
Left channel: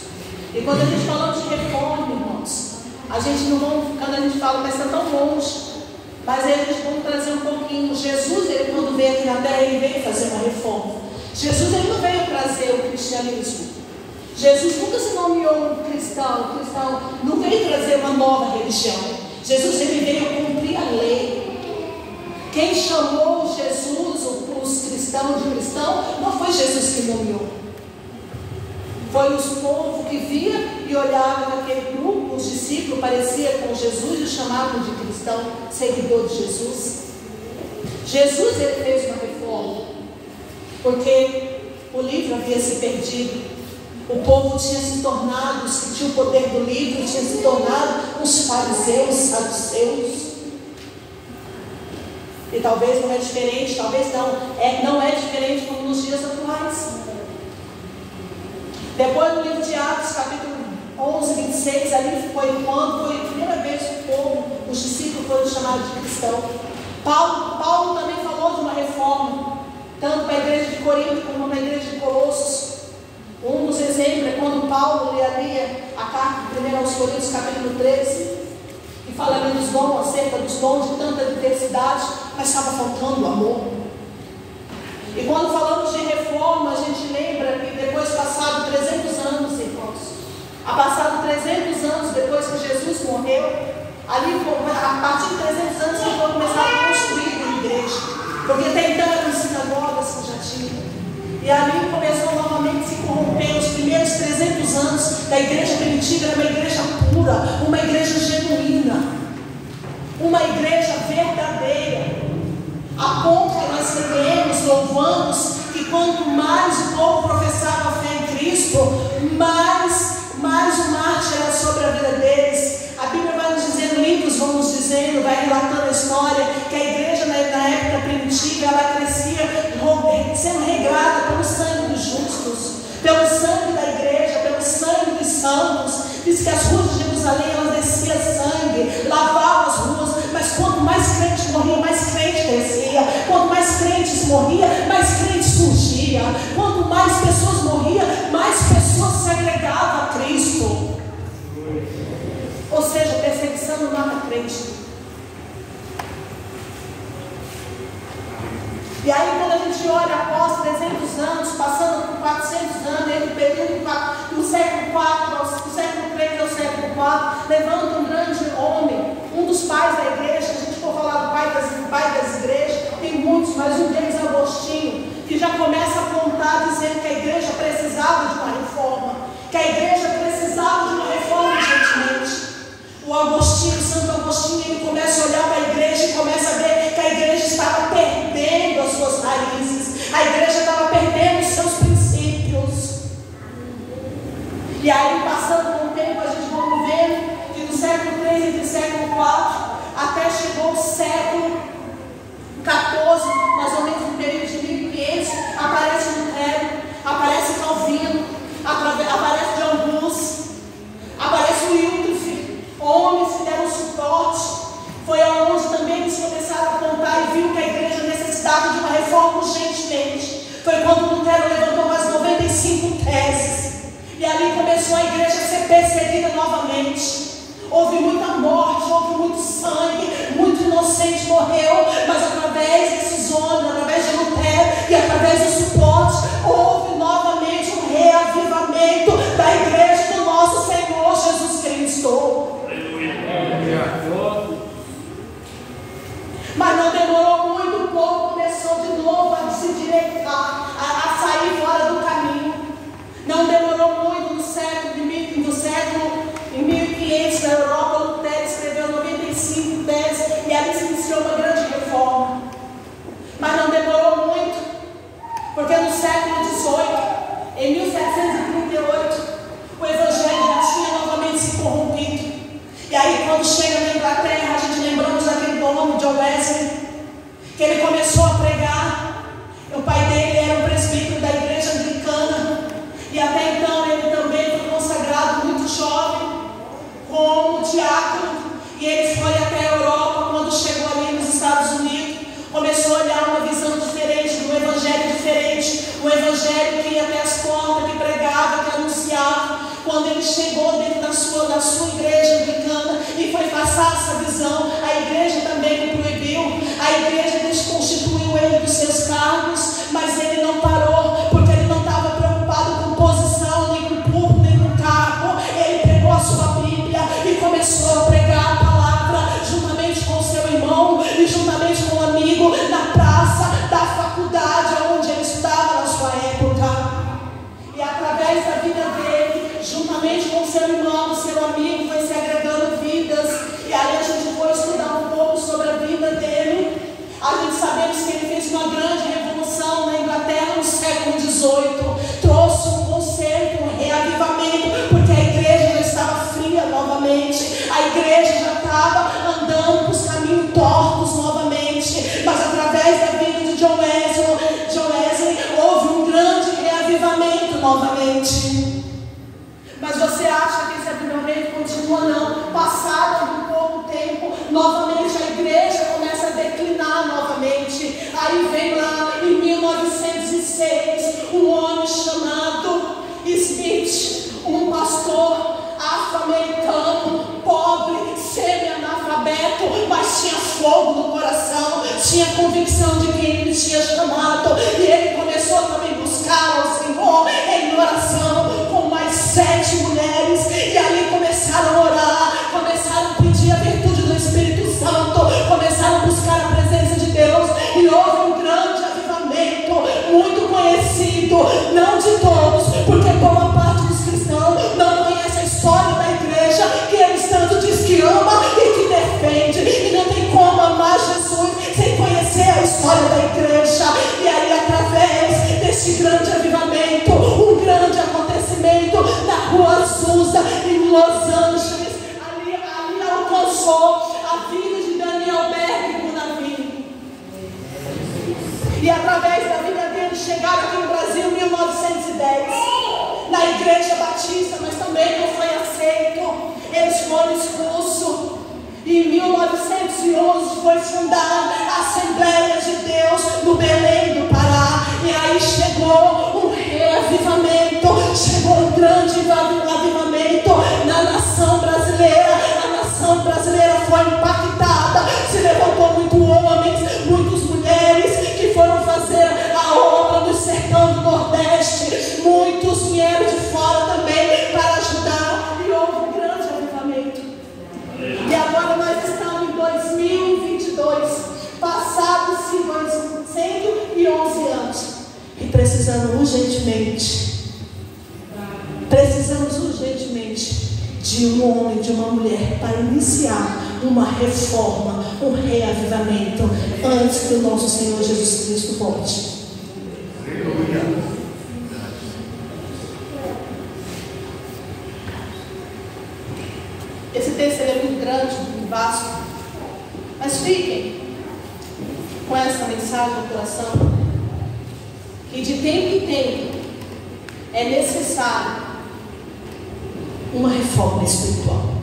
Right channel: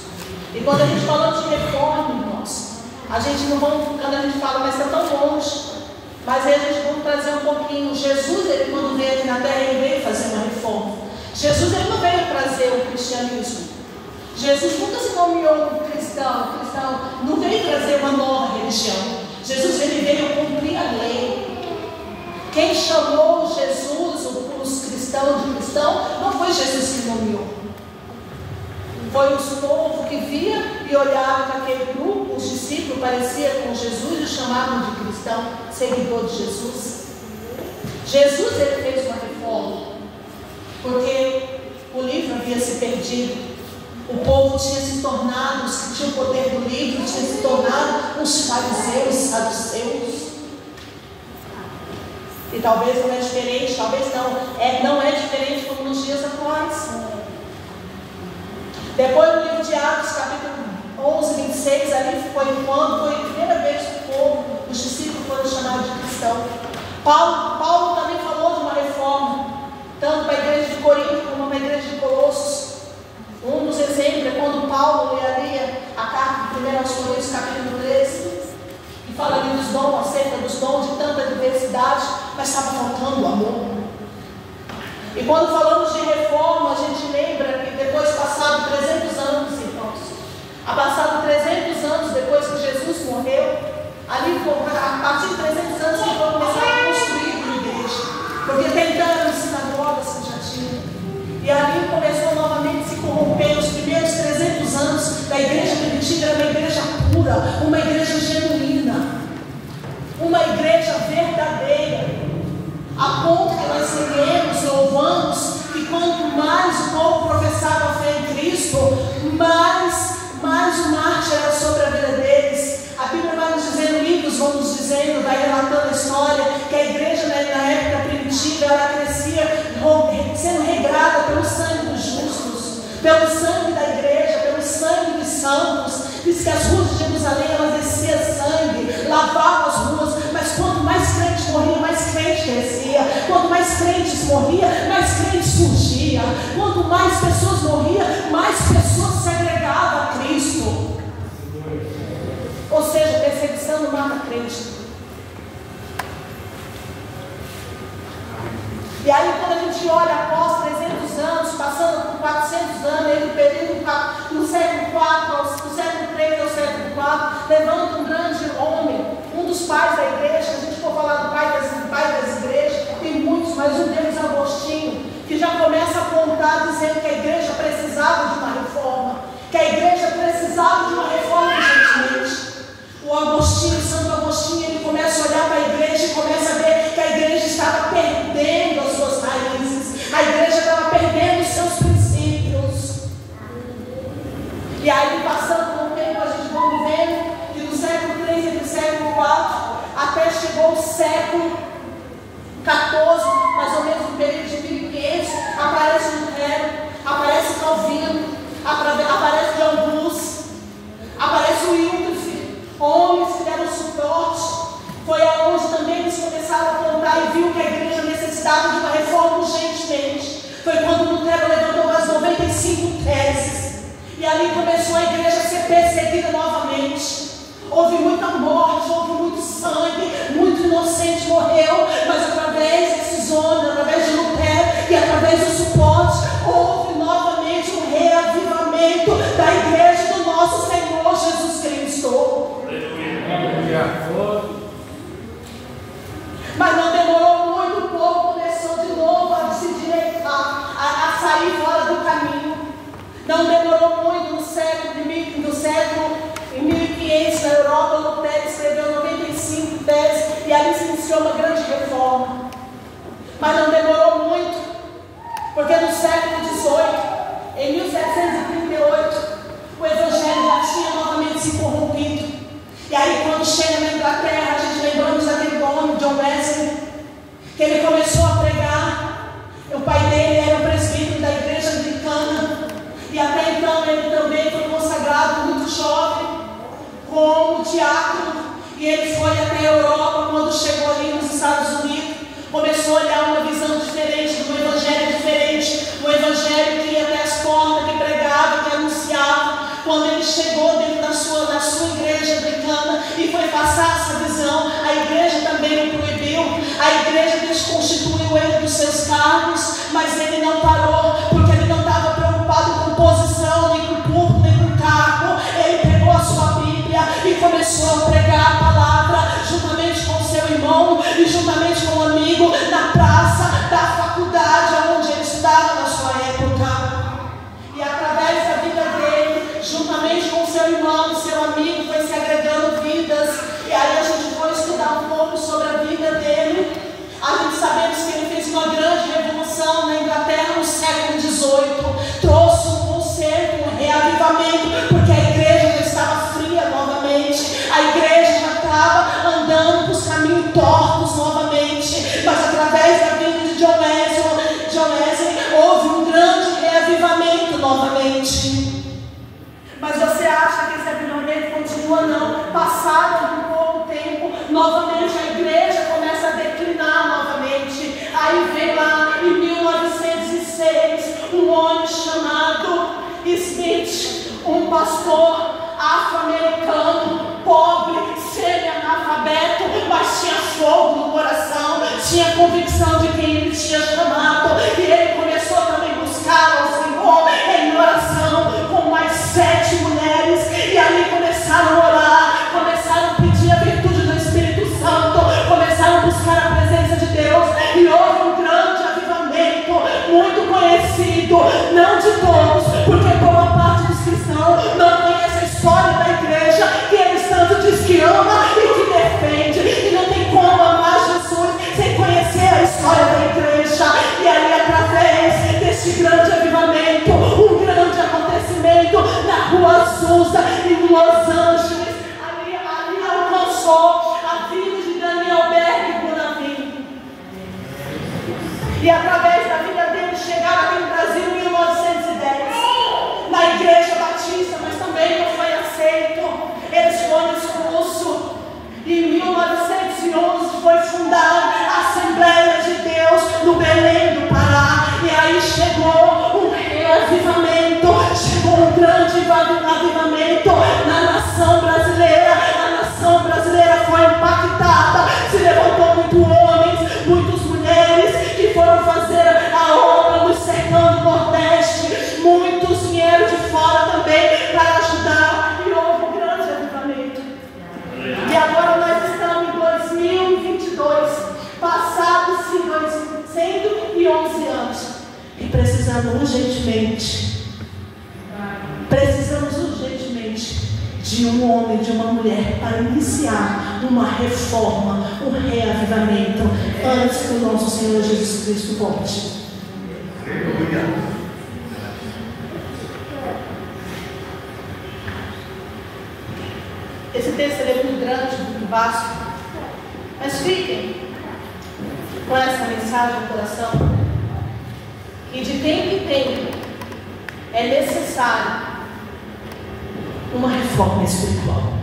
E quando a gente fala de reforma, irmãos, a gente não vai, quando a gente fala, mas é tão longe, Mas aí a gente pode trazer um pouquinho. Jesus, ele quando veio aqui na terra, ele veio fazer uma reforma. Jesus, ele não veio trazer o cristianismo. Jesus nunca se nomeou um cristão. O cristão não veio trazer uma nova religião. Jesus, ele veio cumprir a lei. Quem chamou Jesus, os cristãos de cristão, não foi Jesus que nomeou. Foi os povos que via e olhava naquele grupo, os discípulos pareciam com Jesus e o chamavam de cristão, seguidor de Jesus. Jesus, ele fez uma reforma, porque o livro havia se perdido. O povo tinha se tornado, os que tinham o poder do livro, tinha se tornado uns fariseus, saduceus. E talvez não é diferente, talvez não é diferente como nos dias atuais. Depois no livro de Atos, capítulo 11, 26, ali foi quando foi a primeira vez que o povo, os discípulos foram chamados de cristão. Paulo também falou de uma reforma, tanto para a igreja de Corinto como para a igreja de Colossos. Um dos exemplos é quando Paulo lia a carta de 1 aos Coríntios, capítulo 13, que fala ali dos dons, acerca dos dons de tanta diversidade, mas estava faltando o amor. E quando falamos de reforma, a gente lembra que depois passado 300 anos, irmãos, passado 300 anos depois que Jesus morreu, ali a partir de 300 anos que foi começar a construir uma igreja, porque tem tantas sinagogas que já tinham. E ali começou novamente a se corromper. Os primeiros 300 anos da igreja primitiva era uma igreja pura, uma igreja genuína, uma igreja verdadeira, a ponto que nós lemos, louvamos, que quanto mais o povo professava a fé em Cristo, mais o marcha era sobre a vida deles. A Bíblia vai nos dizendo, livros vão nos dizendo, vai relatando a história, que a igreja na época primitiva, ela crescia sendo regrada pelo sangue dos justos, pelo sangue da igreja, pelo sangue dos santos. Diz que as ruas de Jerusalém, elas desciam sangue, lavavam as ruas, mas quanto mais crentes morriam, mais crente crescia. Quanto mais crentes morriam, mais crentes surgiam. Quanto mais pessoas morriam, mais pessoas se agregavam a Cristo. Ou seja, perseguição não mata crente. E aí quando a gente olha após 300 anos, passando por 400 anos, entre o período do século IV, do século III ao século IV, levanta um grande homem, um dos pais da igreja. Se a gente for falar do pai das igrejas, tem muitos, mas um deles é Agostinho, que já começa a apontar dizendo que a igreja precisava de uma reforma, que a igreja precisava de uma reforma urgentemente. O Agostinho, Santo Agostinho, ele começa a olhar para a igreja e começa a ver que a igreja estava perdendo as suas raízes, a igreja estava perdendo os seus princípios. E aí, passando com o tempo, a gente vai vendo que do século III e do século IV até chegou o século XIV, mais ou menos no período de 1500, aparece Lutero, aparece Calvino, aparece John Hus, aparece Wycliffe. Homens que deram suporte. Foi aonde também eles começaram a apontar e viu que a igreja necessitava de uma reforma urgentemente. Foi quando Lutero levantou as 95 teses, e ali começou a igreja a ser perseguida novamente. Houve muita morte, houve muito sangue, muito inocente morreu, mas através desses homens, através de Lutero e através do suporte, houve novamente um reavivamento da igreja do nosso Senhor Jesus Cristo. Mas não demorou muito, o povo começou de novo a se direitar, a sair fora do caminho. Não demorou muito, no século em 1500, na Europa, Lutero escreveu 95 teses e ali se iniciou uma grande reforma. Mas não demorou muito, porque no século XVIII, em 1738, o Evangelho já tinha novamente se corrompido. E aí, quando chega na Inglaterra, a gente lembramos daquele homem, John Wesley, que ele começou a pregar. O pai dele era o presbítero da igreja anglicana, e até então ele também foi consagrado muito jovem, como diácono, e ele foi até a Europa. Quando chegou ali nos Estados Unidos, começou a olhar uma visão diferente, um evangelho diferente, um evangelho que ia até as portas, que pregava, que continua não. Passado um pouco tempo, novamente a igreja começa a declinar novamente. Aí vem lá em 1906 um homem chamado Smith, um pastor afro-americano, pobre, semi-analfabeto, mas tinha fogo no coração, tinha convicção de quem ele tinha chamado, e ele começou também a buscar ao Senhor em oração com mais 7 mulheres, e ali começaram a orar, começaram a pedir a virtude do Espírito Santo, começaram a buscar a presença de Deus, e houve um grande avivamento, muito conhecido, não de todos, porque boa parte dos cristãos não conhece a história da igreja, que eles tanto diz que ama e que defende, e não tem como amar Jesus sem conhecer a história da igreja. E aí, através desse grande avivamento, um grande acontecimento na Rua Azusa, em Los Angeles, ali alcançou a vida de Daniel Berg Bonavini, e através da vida dele chegaram aqui no Brasil em 1910 na Igreja Batista, mas também não foi aceito, eles foram expulsos, e em 1911 foi fundada a Assembleia de Deus no Belém do Pará, e aí chegou um reavivamento, chegou um grande avivamento na nação brasileira. A nação brasileira foi impactada, se levantou muitos homens, muitas mulheres que foram fazer a obra no sertão do Nordeste, muitos vieram de fora também para ajudar, e houve um grande avivamento. E agora nós estamos em 2022, passados-se 111 anos, e precisamos urgentemente de um homem, de uma mulher, para iniciar uma reforma, um reavivamento, antes que o nosso Senhor Jesus Cristo volte. Esse texto é muito grande, muito vasto, mas fiquem com essa mensagem no coração, que de tempo em tempo é necessário uma reforma espiritual.